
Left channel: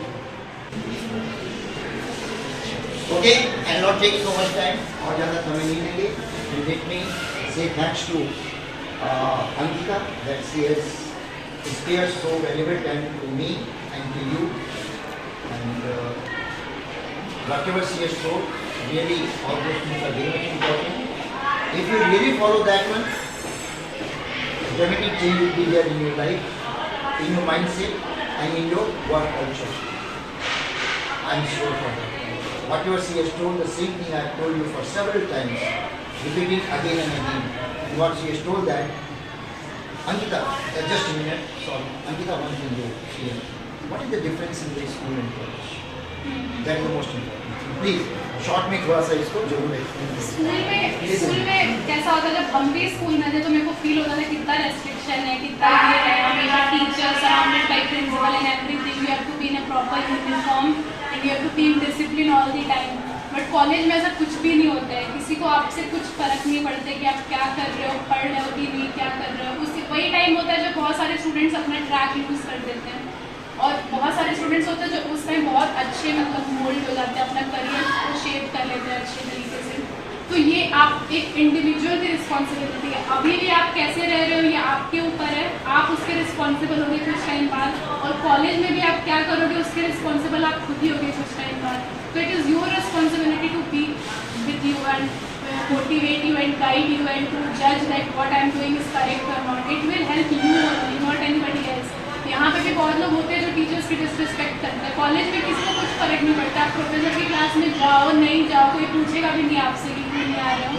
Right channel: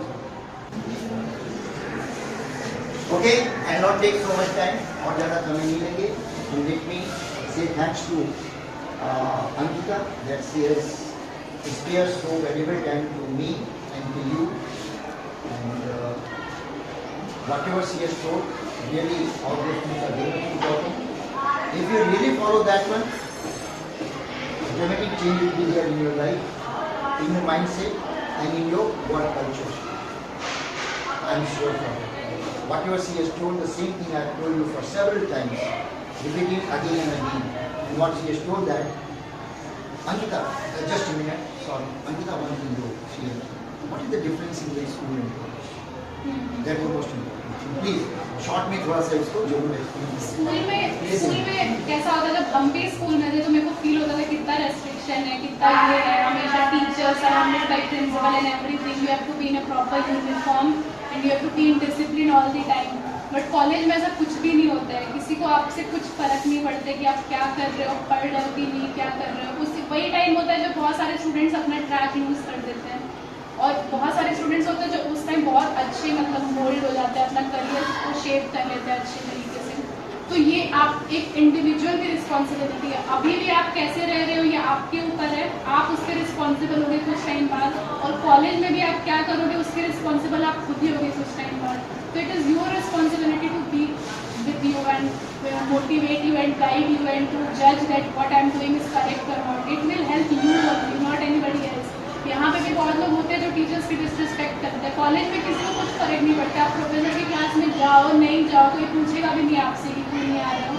Okay, I not taking so much time, और ज़्यादा समय नहीं लेंगे। Let me say thanks to Ankita that she has spared so valuable time to me and to you, and whatever she has told, really all those things are very much important. If you really follow that one, dramatic change will be there in your life, in your mindset, and in your work culture. I am sure of it. Whatever she has told, the same thing I have told you for several times, repeating again and again. And what she has told that, Ankita, just a minute, sorry. Ankita, one thing you see, what is the difference in the school and college? That is the most important thing. Please, short में थोड़ा सा इसको जरूर explain करें। School में कैसा होता है, जब हम भी स्कूल में थे तो मेरे को फील होता था कितना रेस्ट्रिक्शन है, कितना ये है, हमेशा teacher surrounded by principal and everything, you have to be in a proper uniform and you have to be in discipline all the time. But college में ऐसा कुछ भी नहीं होता है, किसी को आपसे कुछ फर्क नहीं पड़ता कि आप क्या कर रहे हो, पढ़ रहे हो कि नहीं, क्या कर रहे हो। उसी वही टाइम होता है जब बहुत सारे स्टूडेंट्स अपना ट्रैक यूज़ कर देते हैं, और बहुत सारे स्टूडेंट्स होते हैं जो उस टाइम बहुत अच्छे मतलब मोल्ड हो जाते हैं, अपना करियर को शेप कर लेते हैं अच्छे तरीके से। तो ये आप एक इंडिविजुअल की रिस्पॉन्सिबिलिटी है, अभी भी आप कैसे रह रहे हो ये आपके ऊपर है, आप उसके रिस्पॉन्सिबल होगे कुछ टाइम बाद, और कॉलेज में भी आप क्या करोगे उसके रिस्पॉन्सिबल आप खुद ही होगे कुछ टाइम बाद। तो it is your responsibility to be with you and motivate you and guide you and to judge that what I am doing is correct or not. It will help you only, not anybody else. यहाँ पे भी बहुत लोग होते हैं जो teachers की disrespect करते हैं, कॉलेज में किसी को कुछ फर्क नहीं पड़ता, आप प्रोफेसर की क्लास में जाओ नहीं जाओ कोई पूछेगा भी नहीं आपसे कि क्यों नहीं आ रहे हो,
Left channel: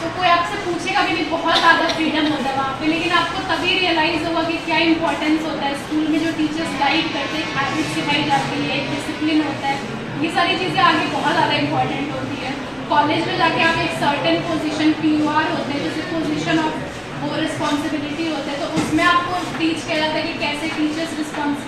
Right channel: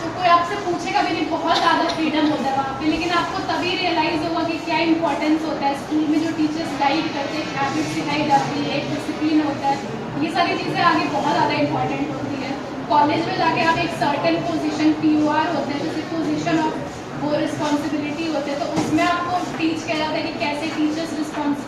तो कोई आपसे पूछेगा भी नहीं, बहुत ज़्यादा फ्रीडम होता है वहाँ पे। लेकिन आपको तभी रियलाइज़ होगा कि क्या इंपॉर्टेंस होता है स्कूल में, जो टीचर्स गाइड करते हैं, हैबिट सिखाई जाती है, एक डिसिप्लिन होता है, ये सारी चीज़ें आगे बहुत ज़्यादा इंपॉर्टेंट होती है। कॉलेज में जाके आप एक सर्टेन पोजीशन PUR होते हैं, जैसे पोजीशन ऑफ वो रिस्पॉन्सिबिलिटी होते हैं, तो उसमें आपको टीच किया जाता है कि कैसे टीचर्स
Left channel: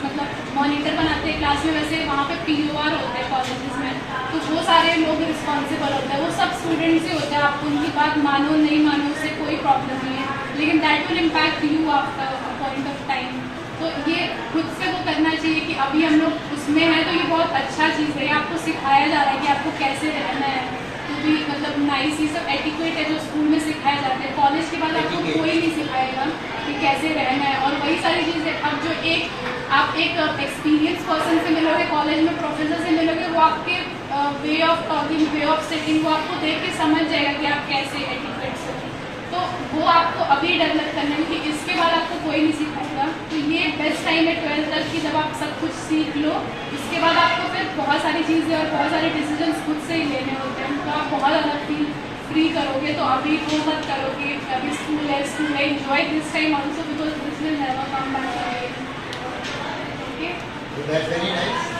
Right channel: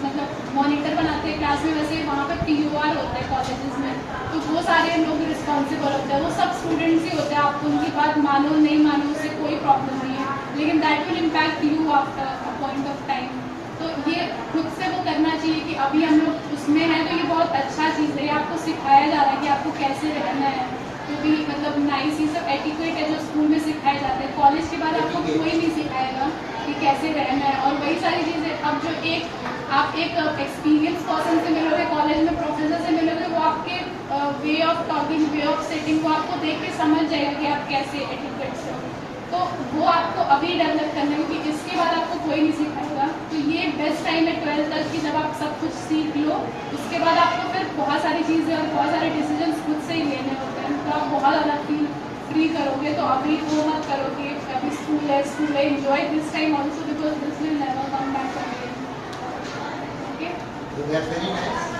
मतलब मॉनिटर बनाते हैं क्लास में, वैसे वहाँ पे PUR होते हैं कॉलेजेस में, तो वो सारे लोग रिस्पॉन्सिबल होते हैं, वो सब स्टूडेंट्स ही होते हैं, आप उनकी बात मानो नहीं मानो उससे कोई प्रॉब्लम नहीं है, लेकिन that will impact you after a point of time. तो ये खुद से वो करना चाहिए कि अभी हम लोग उसमें हैं, तो ये बहुत अच्छा चीज़ है, आपको सिखाया जा रहा है कि आपको कैसे रहना है, तो भी मतलब नाइस, ये सब एटिक्वेट है जो स्कूल में सिखाए जाते हैं। कॉलेज के बाद आपको कोई नहीं सिखाएगा कि कैसे रहना है, और वही सारी चीज़ें अब जो आप एक एक्सपीरियंस पर्सन से मिलोगे, कॉलेज में प्रोफेसर से मिलोगे, वो आपके way of talking, way of sitting, वो आपको देख के समझ जाएगा कि आप कैसे एटिक्वेट से, तो वो आपको अभी डेवलप करना है, क्योंकि इसके बाद आपको कोई नहीं सिखाएगा। तो ये बेस्ट टाइम है 12th तक की, जब आप सब कुछ सीख लो, उसके बाद आपको फिर बहुत सारी चीज़ें और बहुत सारे डिसीजंस खुद से ही लेने होते हैं, तो आप बहुत ज़्यादा फील फ्री करोगे। तो अभी वो मत करो कि अभी स्कूल है enjoy this time also, because this will never come back again. Okay, So that's very nice.